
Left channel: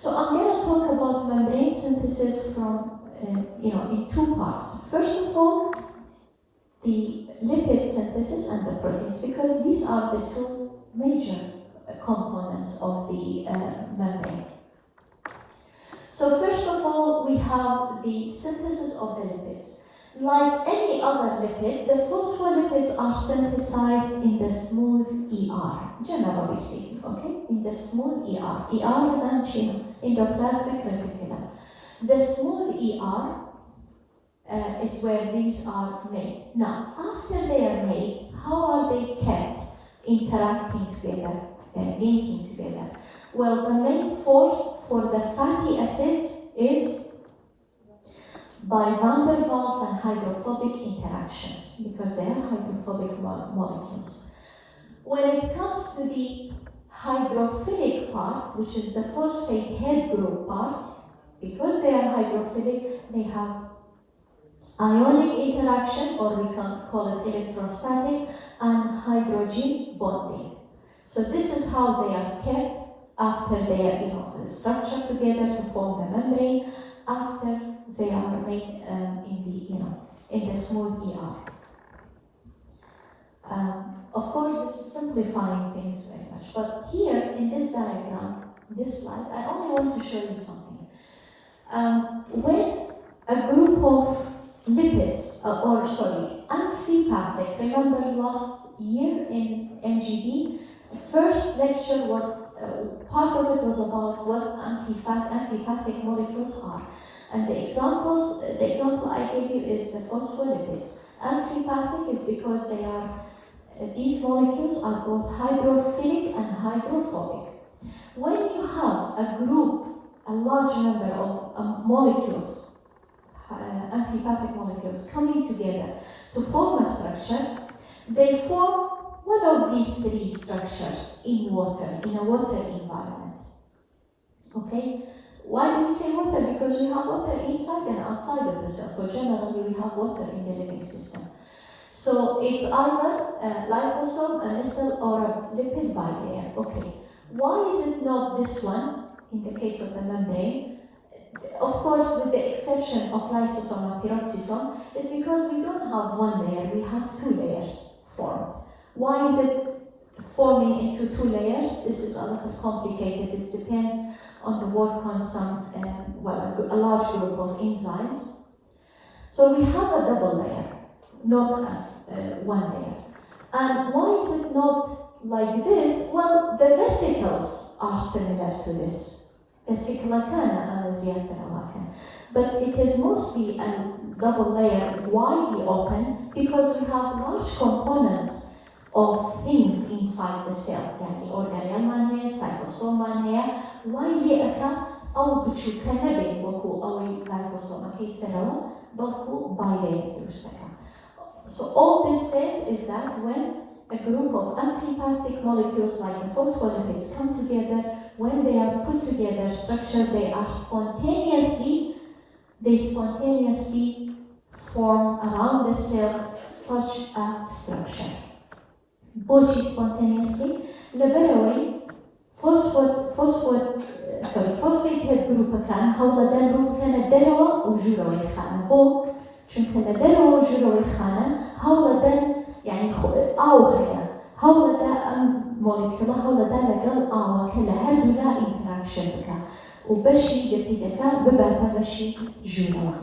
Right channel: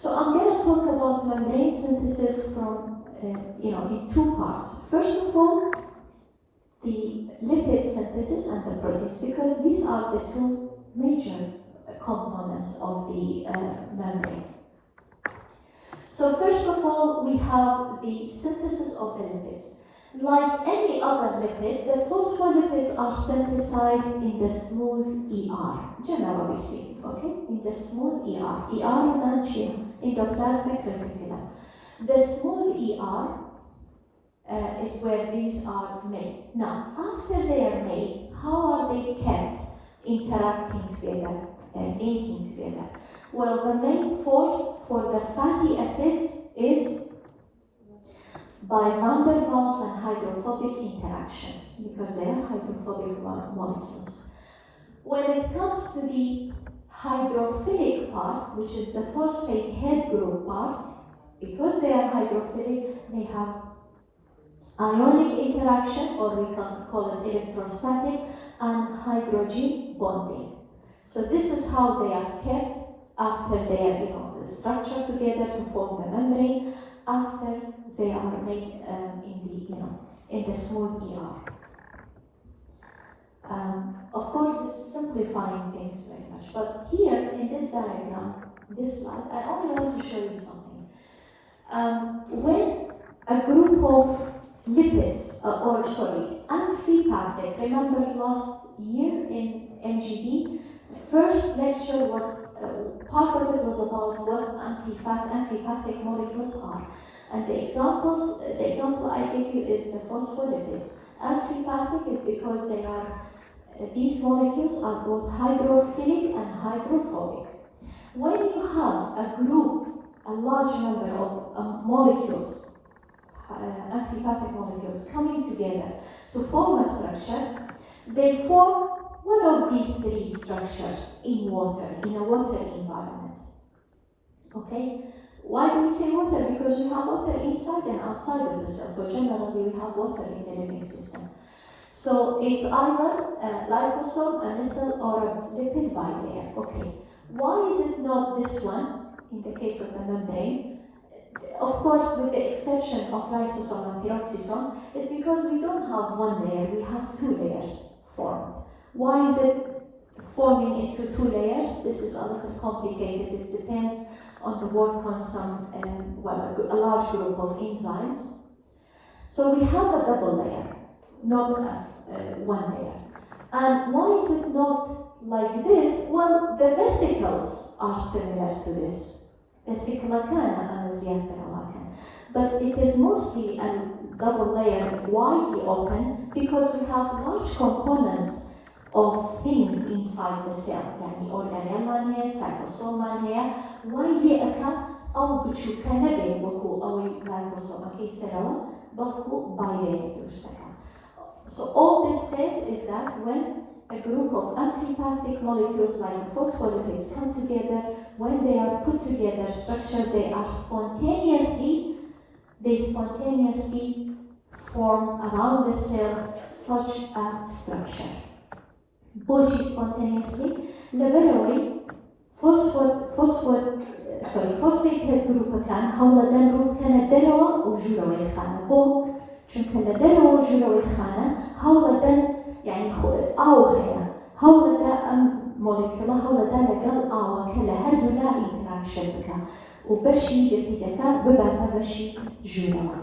So I'm going to talk about membrane synthesis from in two parts. First of all, the lipid synthesis and the proteins, because these are the two major components of the membrane. So first of all, we have the synthesis of the lipids. Like any other lipid, the phospholipids are synthesized in the smooth ER, generally speaking, okay? In the smooth ER. ER is endoplasmic reticulum. The smooth ER is where these are made. Now, after they are made, how are they kept interacting together, linking together? Well, the main force for the fatty acids is by van der Waals and hydrophobic interactions, because they are hydrophobic molecules. When it comes to the hydrophilic part, which is the phosphate head group part, because they are hydrophilic, they have ionic interaction, or we can call it electrostatic, and hydrogen bonding. So this is how they are kept after they are structured together to form the membrane, after they are made in the smooth ER. Of course, this is simplifying things very much, but here in this diagram, this slide, I only want to show you something. When a group of lipids, amphipathic. Remember last year in MGD, first lecture was, part of it was about what amphipathic molecules are. And the example I gave you is the phospholipids. Amphipathic is because these molecules are both hydrophilic and hydrophobic. When you have a large number of molecules, amphipathic molecules coming together to form a structure, they form one of these three structures in water, in a water environment. Okay? Why do we say water? Because we have water inside and outside of the cell. So generally we have water in the living system. So it's either a liposome, a micelle, or a lipid bilayer. Okay. Why is it not this one, in the case of the membrane? Of course, with the exception of lysosome and peroxisome, is because we don't have one layer, we have two layers formed. Why is it forming into two layers? This is a little complicated. This depends on the work on some, a large group of enzymes. So we have a double layer, not one layer. And why is it not like this? Well, the vesicles are similar to this. But it is mostly a double layer widely open because we have large components of things inside the cell. يعني organelle, cytosome, widely أو بتشوكنا بينكو أو glycosome كيسنو بقو bilayer. So all this says is that when a group of amphipathic molecules like the phospholipids come together, when they are put together structured, they spontaneously form around the cell such a structure. Bochi spontaneously, leveroy phosphate group كان هولدن group كان دروا وجلوي خانة بو چونك لدروا وجلوي خانة هولدن يعني هولدا مولكولا هولدا لقل كلا هردو لا interaction بك وبشي لبيدك بباتا بشي جلوة.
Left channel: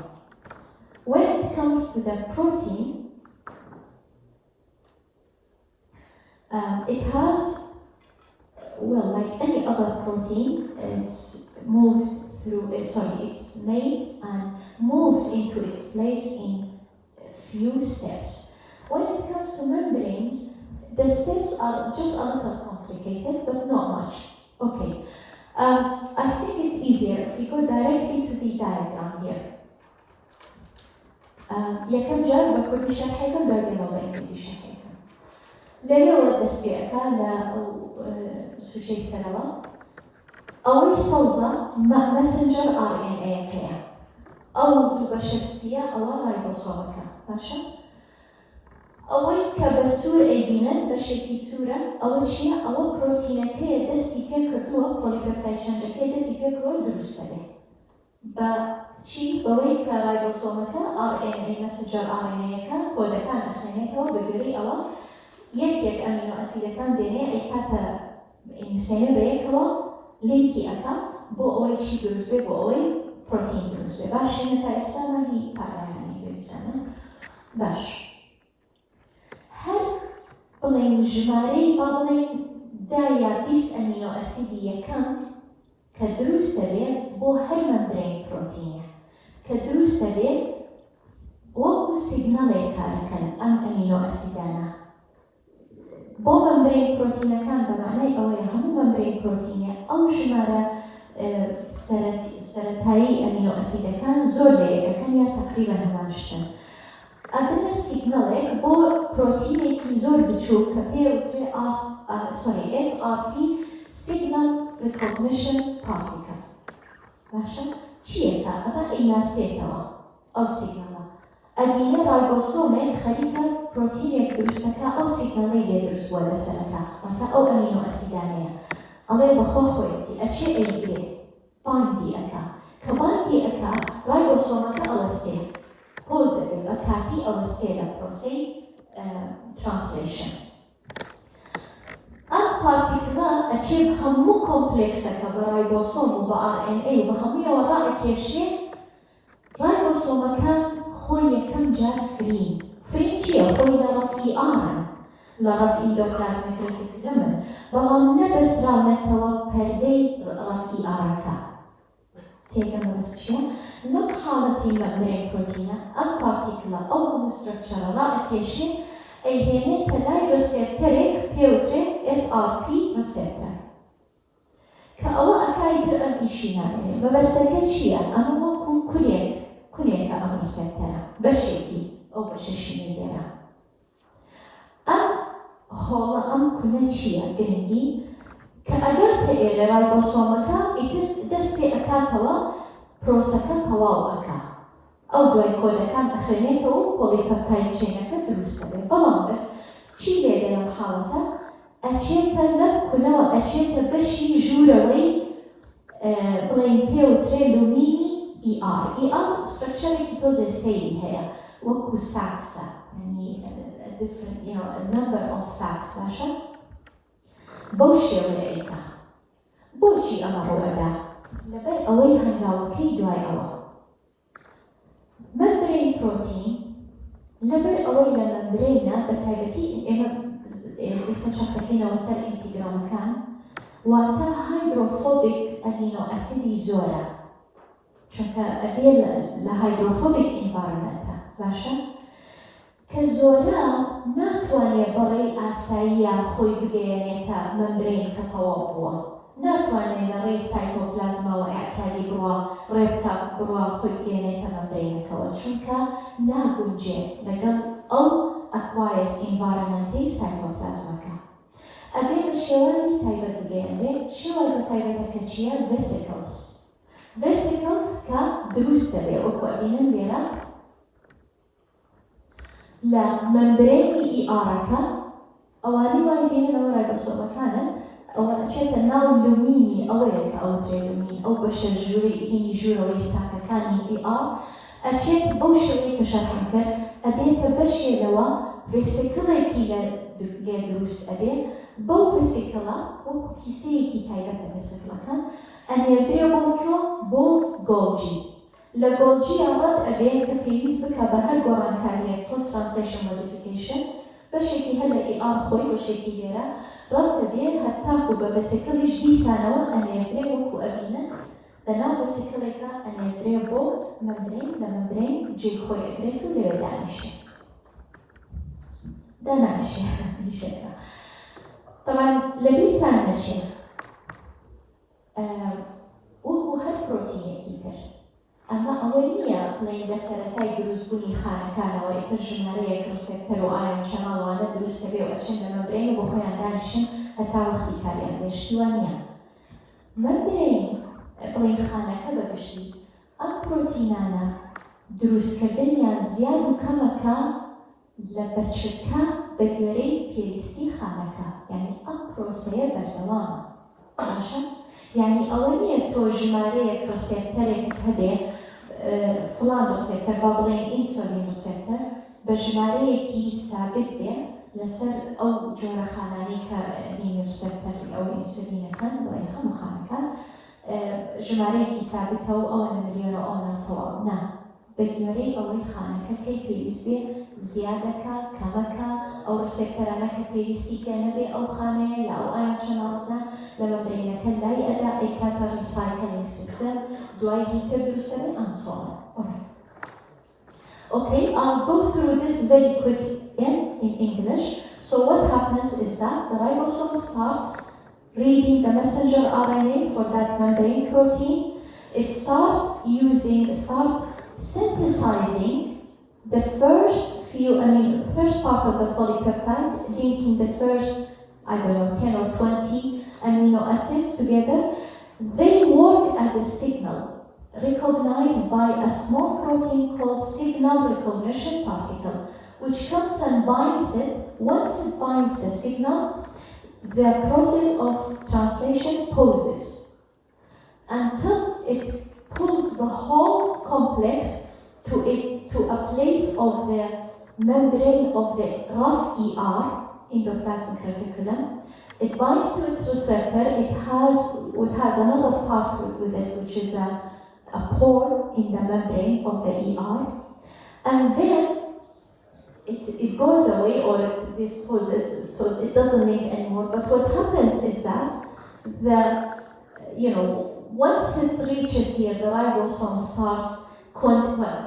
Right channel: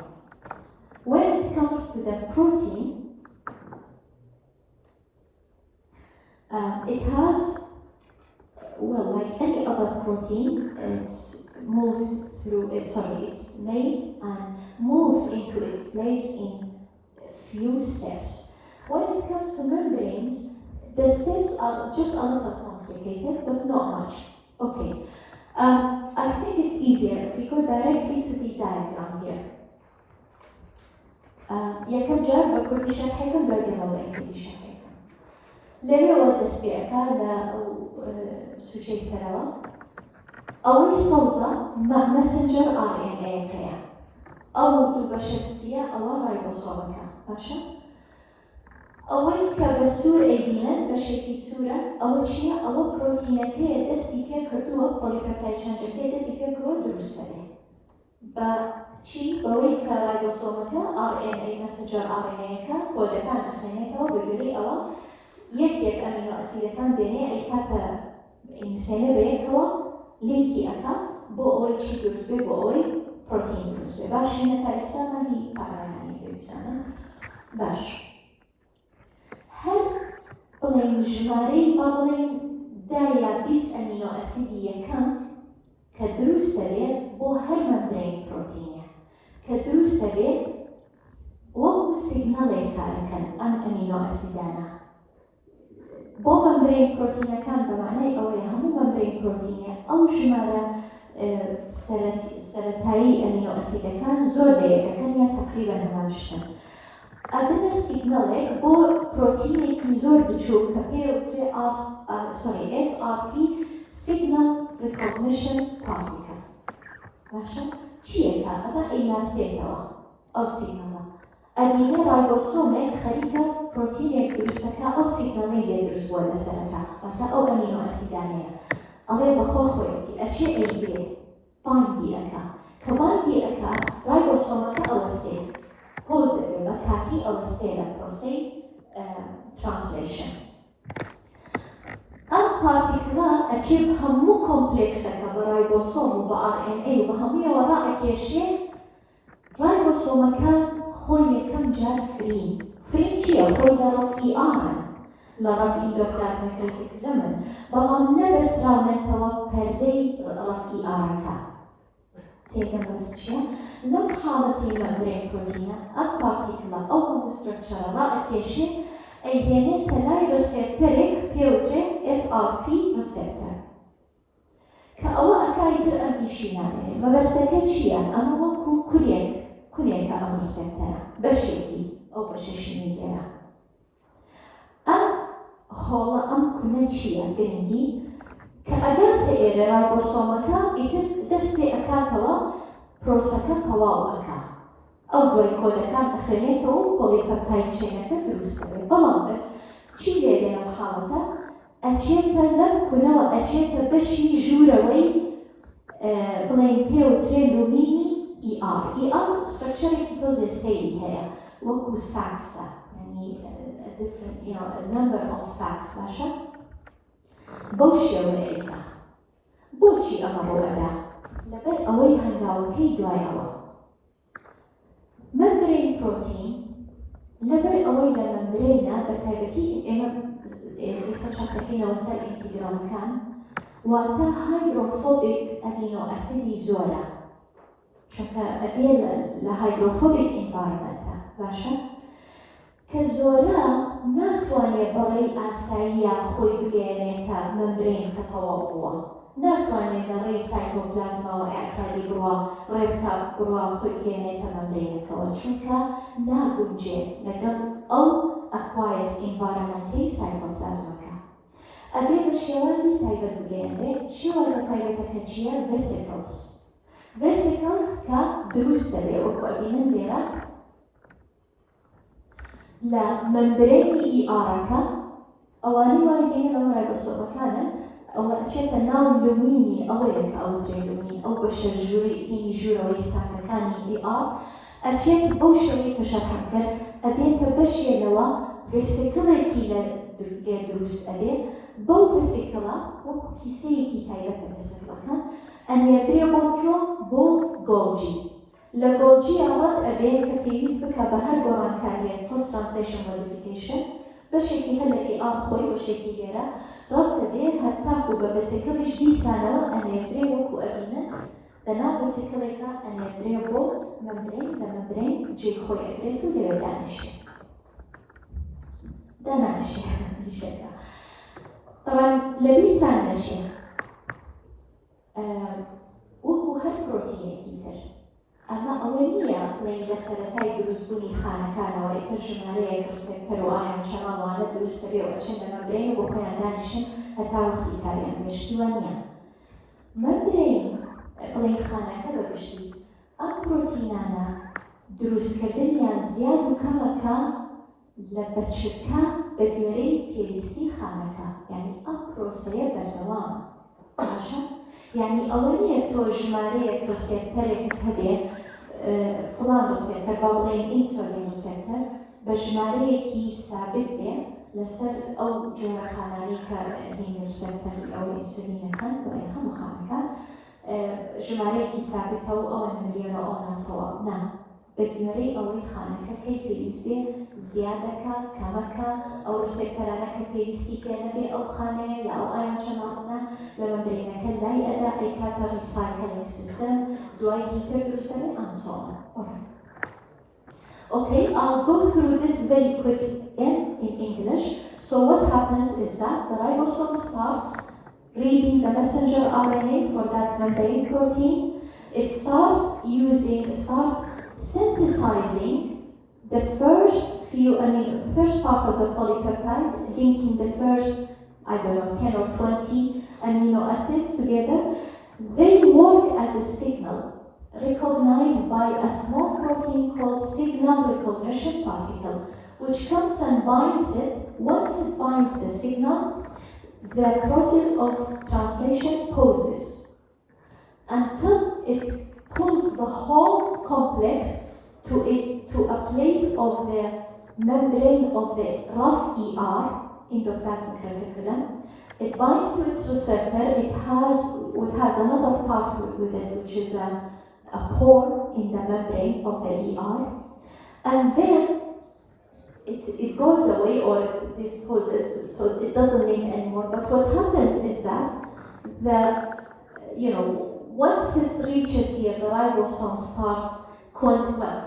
When it comes to the protein, it has, like any other protein, it's made and moved into its place in a few steps. When it comes to membranes, the steps are just a little complicated, but not much. Okay, I think it's easier if we go directly to the diagram here. یەکەم جار بە کوردی شەرحێکم دەڵێنەوە ئینگلیزی شەرحێکم. لەوێەوە دەستپێکە لە سوچەی سەرەوە ئەوەی سەوزە مەسنجەر RNA-یەکەیە. ئەو دوو بەشە سپیە ئەوە ڕایبۆسۆمەکە. باشە؟ ئەوەی کە بە سوور ئەیبینن بەشێکی سوورە ئەوە چییە؟ ئەوە پرۆتینەکەیە دەستی پێ کردووە پۆلیپێپتاید چەندەکەی دەستی پێ کردووە دروست دەبێت. بە چی؟ بەوەی کە ڕایبۆسۆمەکە RNA مەسنجەر RNA-یەکە کۆدەکان ئەخوێنێتەوە بەگوێرەی ئەوە یەک ئەمینۆ ئەسیدەکان دێنێ ئەیکاتە نووسێنە بەیەکەوە لینکی ئەکا بۆ ئەوەی چی دروست بێت بۆ ئەوەی پرۆتین دروست بێت. باشینە تا ئێستا مەنی پارەیانی بێچەنە. باش. هەر بڵێن ژمارەی با بڵێن 10 یا 20 ئەمینۆ ئەسیدی یەکەم کە دروست دەبێت بۆ هەر مەمبرین پرۆتینە کە دروست دەبێت وەکو سیگنەڵێک کارەکەن ئەم ئەمینۆ ئەسیدانە. بۆ مەمبرین پرۆتینەکان بەمانای ئەوەیە هەموو مەمبرین پرۆتینە ئەو ژمارە سەرەتایی ئەمینۆ ئەسیدەکان زۆر لەیەکەکەن یا تەقریبەن هەمان شتن. ئەبنە سیگنەڵێک بۆ پرۆتینێکی زۆر بچووک کە پێوترێ SRP Signal Recognition Particle. باشە؟ چیەکە؟ ئەمە ئەیناسێتەوە ئەو سیگنەڵە. ئەبینە ڕایبۆسۆمێک خەریکە پرۆتینێک دروستەکە ئەو سیگنەڵی لێ دروست بووە لە سەرەتا. واتە ئەو ئەمینۆ ئەسیدانەیە. ئەڵێ بەخۆ خۆیەتی ئەچێ ئەیگرێ باندی ئەکا. کە باندی ئەکا ڕایبۆسۆمەکە ئەوەستێ. پۆزێ بە کاتی ئەوەستێ لە پرۆسەی ترانسلیشن. ئەم پارتیکڵە ئەچێ هەموو کۆمپلێکسەکە بە ڕایبۆسۆم و بە RNA و بە هەموویەوە ڕائەکێشێ ڕایبۆسۆم رایبوسۆمەکان خۆی یەکەم جار فرین چییە؟ خۆی لە ڕەف ئیئارن لە ڕەف ئیندۆپلازمیک ڕێتیکولەمن، بەڵام نەبەسراونەتەوە پەردەی ڕەف ئیئارەکە. تێگەم بەس چییە؟ لەم حاڵەتی مەمبرین پرۆتینە ئەم پارتیکڵە ئەو هەموو سترەکچەرە ڕائەکێشێ ئەیهێنێتە لای ڕسێپتەرێک پێوترێت SRP ڕسێپتەر کە ئەوە ئەکایتر ئەم ئیشی نابێ. مەبەستەکە چییە؟ ئەمە وەکو کورێکە ئەم ڕسێپتەرە بەشێکی ئەو بەشەشی دیگەرە. ئەم هۆڵە ئەم کورە چییە؟ گرنگی کە ئەگەر تێ لە رایبۆسۆمەکە ئیتر دەست پێ ئەکاتەوە پرۆسەکە تەواو ئەکا. ئەو دوای کۆدەکان ئەخوێنێتەوە و پۆلیپەپتاید چینەکە دروست دەبێت. بەڵام چی دێگە لەم حاڵەتە؟ ئەچێتە لەم کورەوە ئەچێتە بەشی ژوورەوەی بڵێن پێوترێ لومینی ER. ER سترەکچەرێکی تۆزێ سەیری هەیە وەکو ساکسە، یعنی different number of sacks باشە؟ بەو شێوەیە ئەیکا. بۆچی ئەمە ڕوئەدا؟ لەبەر ئەوەی هەنگاوەکەی دوایەوە. مەمبرین پرۆتین لەبەر ئەوەی لە مەمبرینە بە تایبەتی ئێمە سەرچەکەینەوە سەر ئینتیگرالەکان واتە هایدرۆفۆبیک ئەمینۆ ئەسیدی زۆرە، چونکە ئەبێ لە هایدرۆفۆبیک ئینڤایرۆمنتە باشە؟ کە زۆرە ناتوانێت بەڕێی ئاساییە خۆی بگەێنێتە مەمبرین کە تەواو بووە. ناتوانێت لە ڕێی سایتۆپلازما و ئەعتیادی بڕوە ڕێبکە بڕوە خۆی بگەێنێتە مەمبرینەکەوە، چونکە ناگونجێت لەگەڵ ئەو ئەکوایس ئینڤایرۆمنتەی سایتۆپلازمەکە. ئەبێ بە شێوازی تایبەت بگەێنرێت. شێوازە تایبەتەکە چییە؟ ڤێسیکڵز. ڤێسیکڵز کە دروست دەبێت وەکو ئەبینن لێرە لە مەمبرینی ئیئارەکە ئەوانەی وای بینن ئەو رایبۆسۆمەکانن ئەوە ئەچێتە ناو لومینی ئەوەیە کە ئەو لومین ئەو بەشە ژووری ژوورەوەی ساکەکانی ئیئار ئەچێت ئەو شوێنی کە شەرحم کرد ئەبێتە بەشێنەوە ڤێسیکڵێکی لێ دروست ئەبێت. بەو ڤێسیکڵە وەکو کیسەیەکی تایبەتە ڤێسیکڵەکان ئەنێردرێ بۆ گۆڵجی. لە گۆڵجی ئەوەت ئەبێت کە پێویست بکە بە هەر گۆڕانکاریەک پۆست ترانسلیشن مۆدیفیکیشن بەشێکی هەر لە ئیئار خۆی بەشێکی لێرە ڕەت دەبێت هەتاکو بە ڤێسیکڵیش دیسانەوە ئەنێردرێ وەکو ئەبینن لەناو ڤێسیکڵێکە ئەنێردرێ بۆ مەمبرین، لە مەمبرین جێی خۆی ئەگرێت و لێرە دانیشێ دیشەکە. طبعاً لەبیرتان نەچێ وەکو هەر پرۆتینێکی تر ئەمە ئەوە نییە بڵێن لە سەرەتای دروستبوونی خانەکانەوە ئیتر ژمارەیەک ڕسێپتەر و ئایۆن چەماڵانە دروست دەبێت و ئەچن لە مەمبرین بۆ خۆیان دانیشن هەتا وەختی کاریان بێ. شتووە نییە. مەمبرین بڵێن خانەکە بەگشتی ئەم پرۆتینانە دروستکردنیان زیاد و کەمەکە لە بەرچەکە بە گوێرەی پێویستی خانەکە، یعنی ئەم پرۆسەیە بەردەوامە باشە؟ یعنی ئەوە نییە تۆ ژمارەیەک ڕسێپتەرێک هەبێ فڵان ڕسێپتەر با بڵێن ئینسۆلین ڕسێپتەر بە ژمارەیەکی سابت بێ لەسەر ئەو جۆرە خانانەی کە هینی ڕسێپتەر ئەو ئینسۆلینەکان بڵێن هەموو خانەکە ژمارەیەکی سابتەوە ئەوە ملیۆنە ئەو ناتەوە نا. بە گوێرەی ئەوەی خانەکەی پێویست بێ زیادەکە کەمەکە ئەو ڕسێپتەرانە کە پێویستی پێ نەبێ ئەو خانەیە یا ئەو ئایۆن چەماڵانە لە مەمبرینەکە لای ئەدا ئەیکاتە ریسایکڵینگ سیستەم دوای هیتر دروستە بێ ئەند سۆ ئۆن. Okay, I'll go through this very quick again in English. So what happens is that the ribosome starts reading the messenger RNA for that membrane protein. It starts synthesizing the first part of the polypeptide, linking the first, 10 or 20 amino acids together. They work as a signal recognized by a small protein called signal recognition particle, which comes and binds it. Once it binds the signal, the process of translation pauses until it pulls the whole complex to a place of the membrane of the rough ER, endoplasmic reticulum. It binds to its receptor. It has another part with it, which is a pore in the membrane of the ER, and then it goes away or it disposes, so it doesn't leak anymore. But what happens is that once it reaches here, the ribosome starts,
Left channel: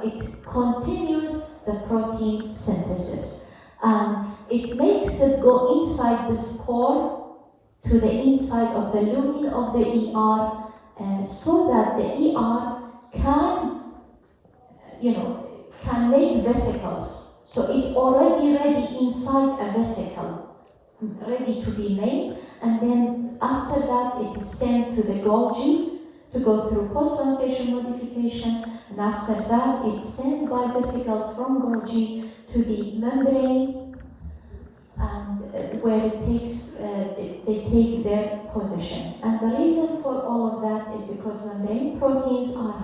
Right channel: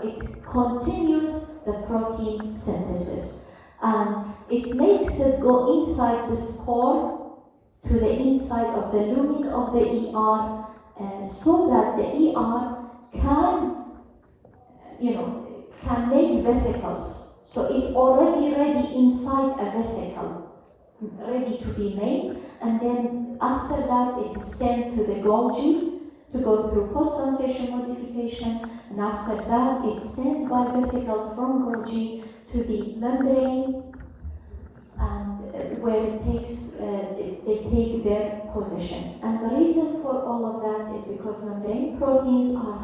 it continues the protein synthesis. It makes it go inside the spore to the inside of the lumen of the ER, so that the ER can make vesicles. So it's already ready inside a vesicle, ready to be made, and then after that it is sent to the Golgi to go through post-translation modification, and after that it's sent by vesicles from Golgi to the membrane, and where it takes, they take their position. And the reason for all of that is because membrane proteins are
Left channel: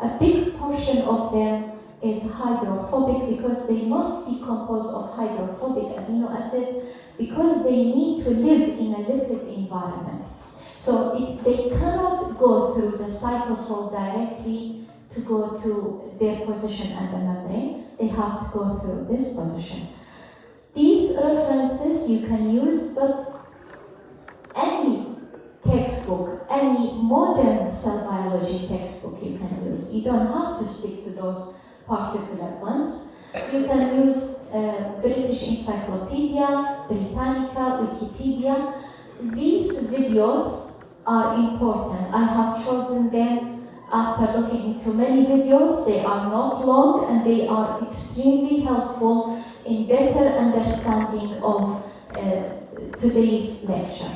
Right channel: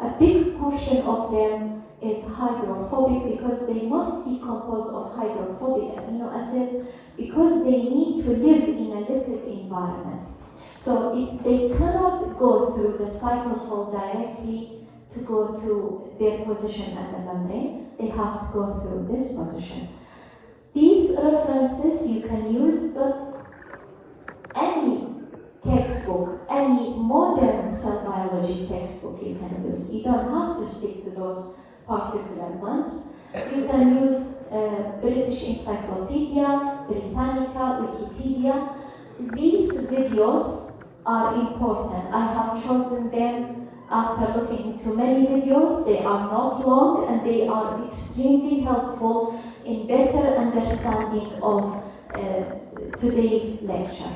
a big portion of them is hydrophobic, because they must be composed of hydrophobic amino acids, because they need to live in a lipid environment. So they cannot go through the cytosol directly to go to their position at the membrane. They have to go through this position. These references you can use, but any textbook, any modern cell biology textbook you can use. You don't have to stick to those particular ones. You can use British Encyclopedia, Britannica, Wikipedia. These videos are important. I have chosen them after looking into many videos. They are not long and they are extremely helpful in better understanding of today's lecture.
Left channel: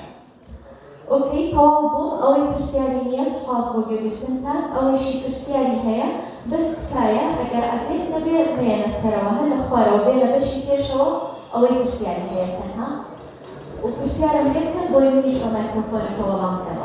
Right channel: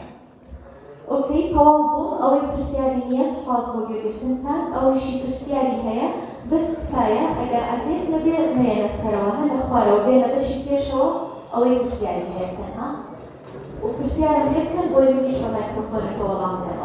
Okay, طوابون أول برسيالينية سواس بوجودتنتان أول شيء برسيالية بس كاية أجر عزيز نبي ميل السلام هلا خوارو بيلا بشي كيشو أول برسيالية تنا وبرسيالية كان قوي مني شو ميكروفون كوالام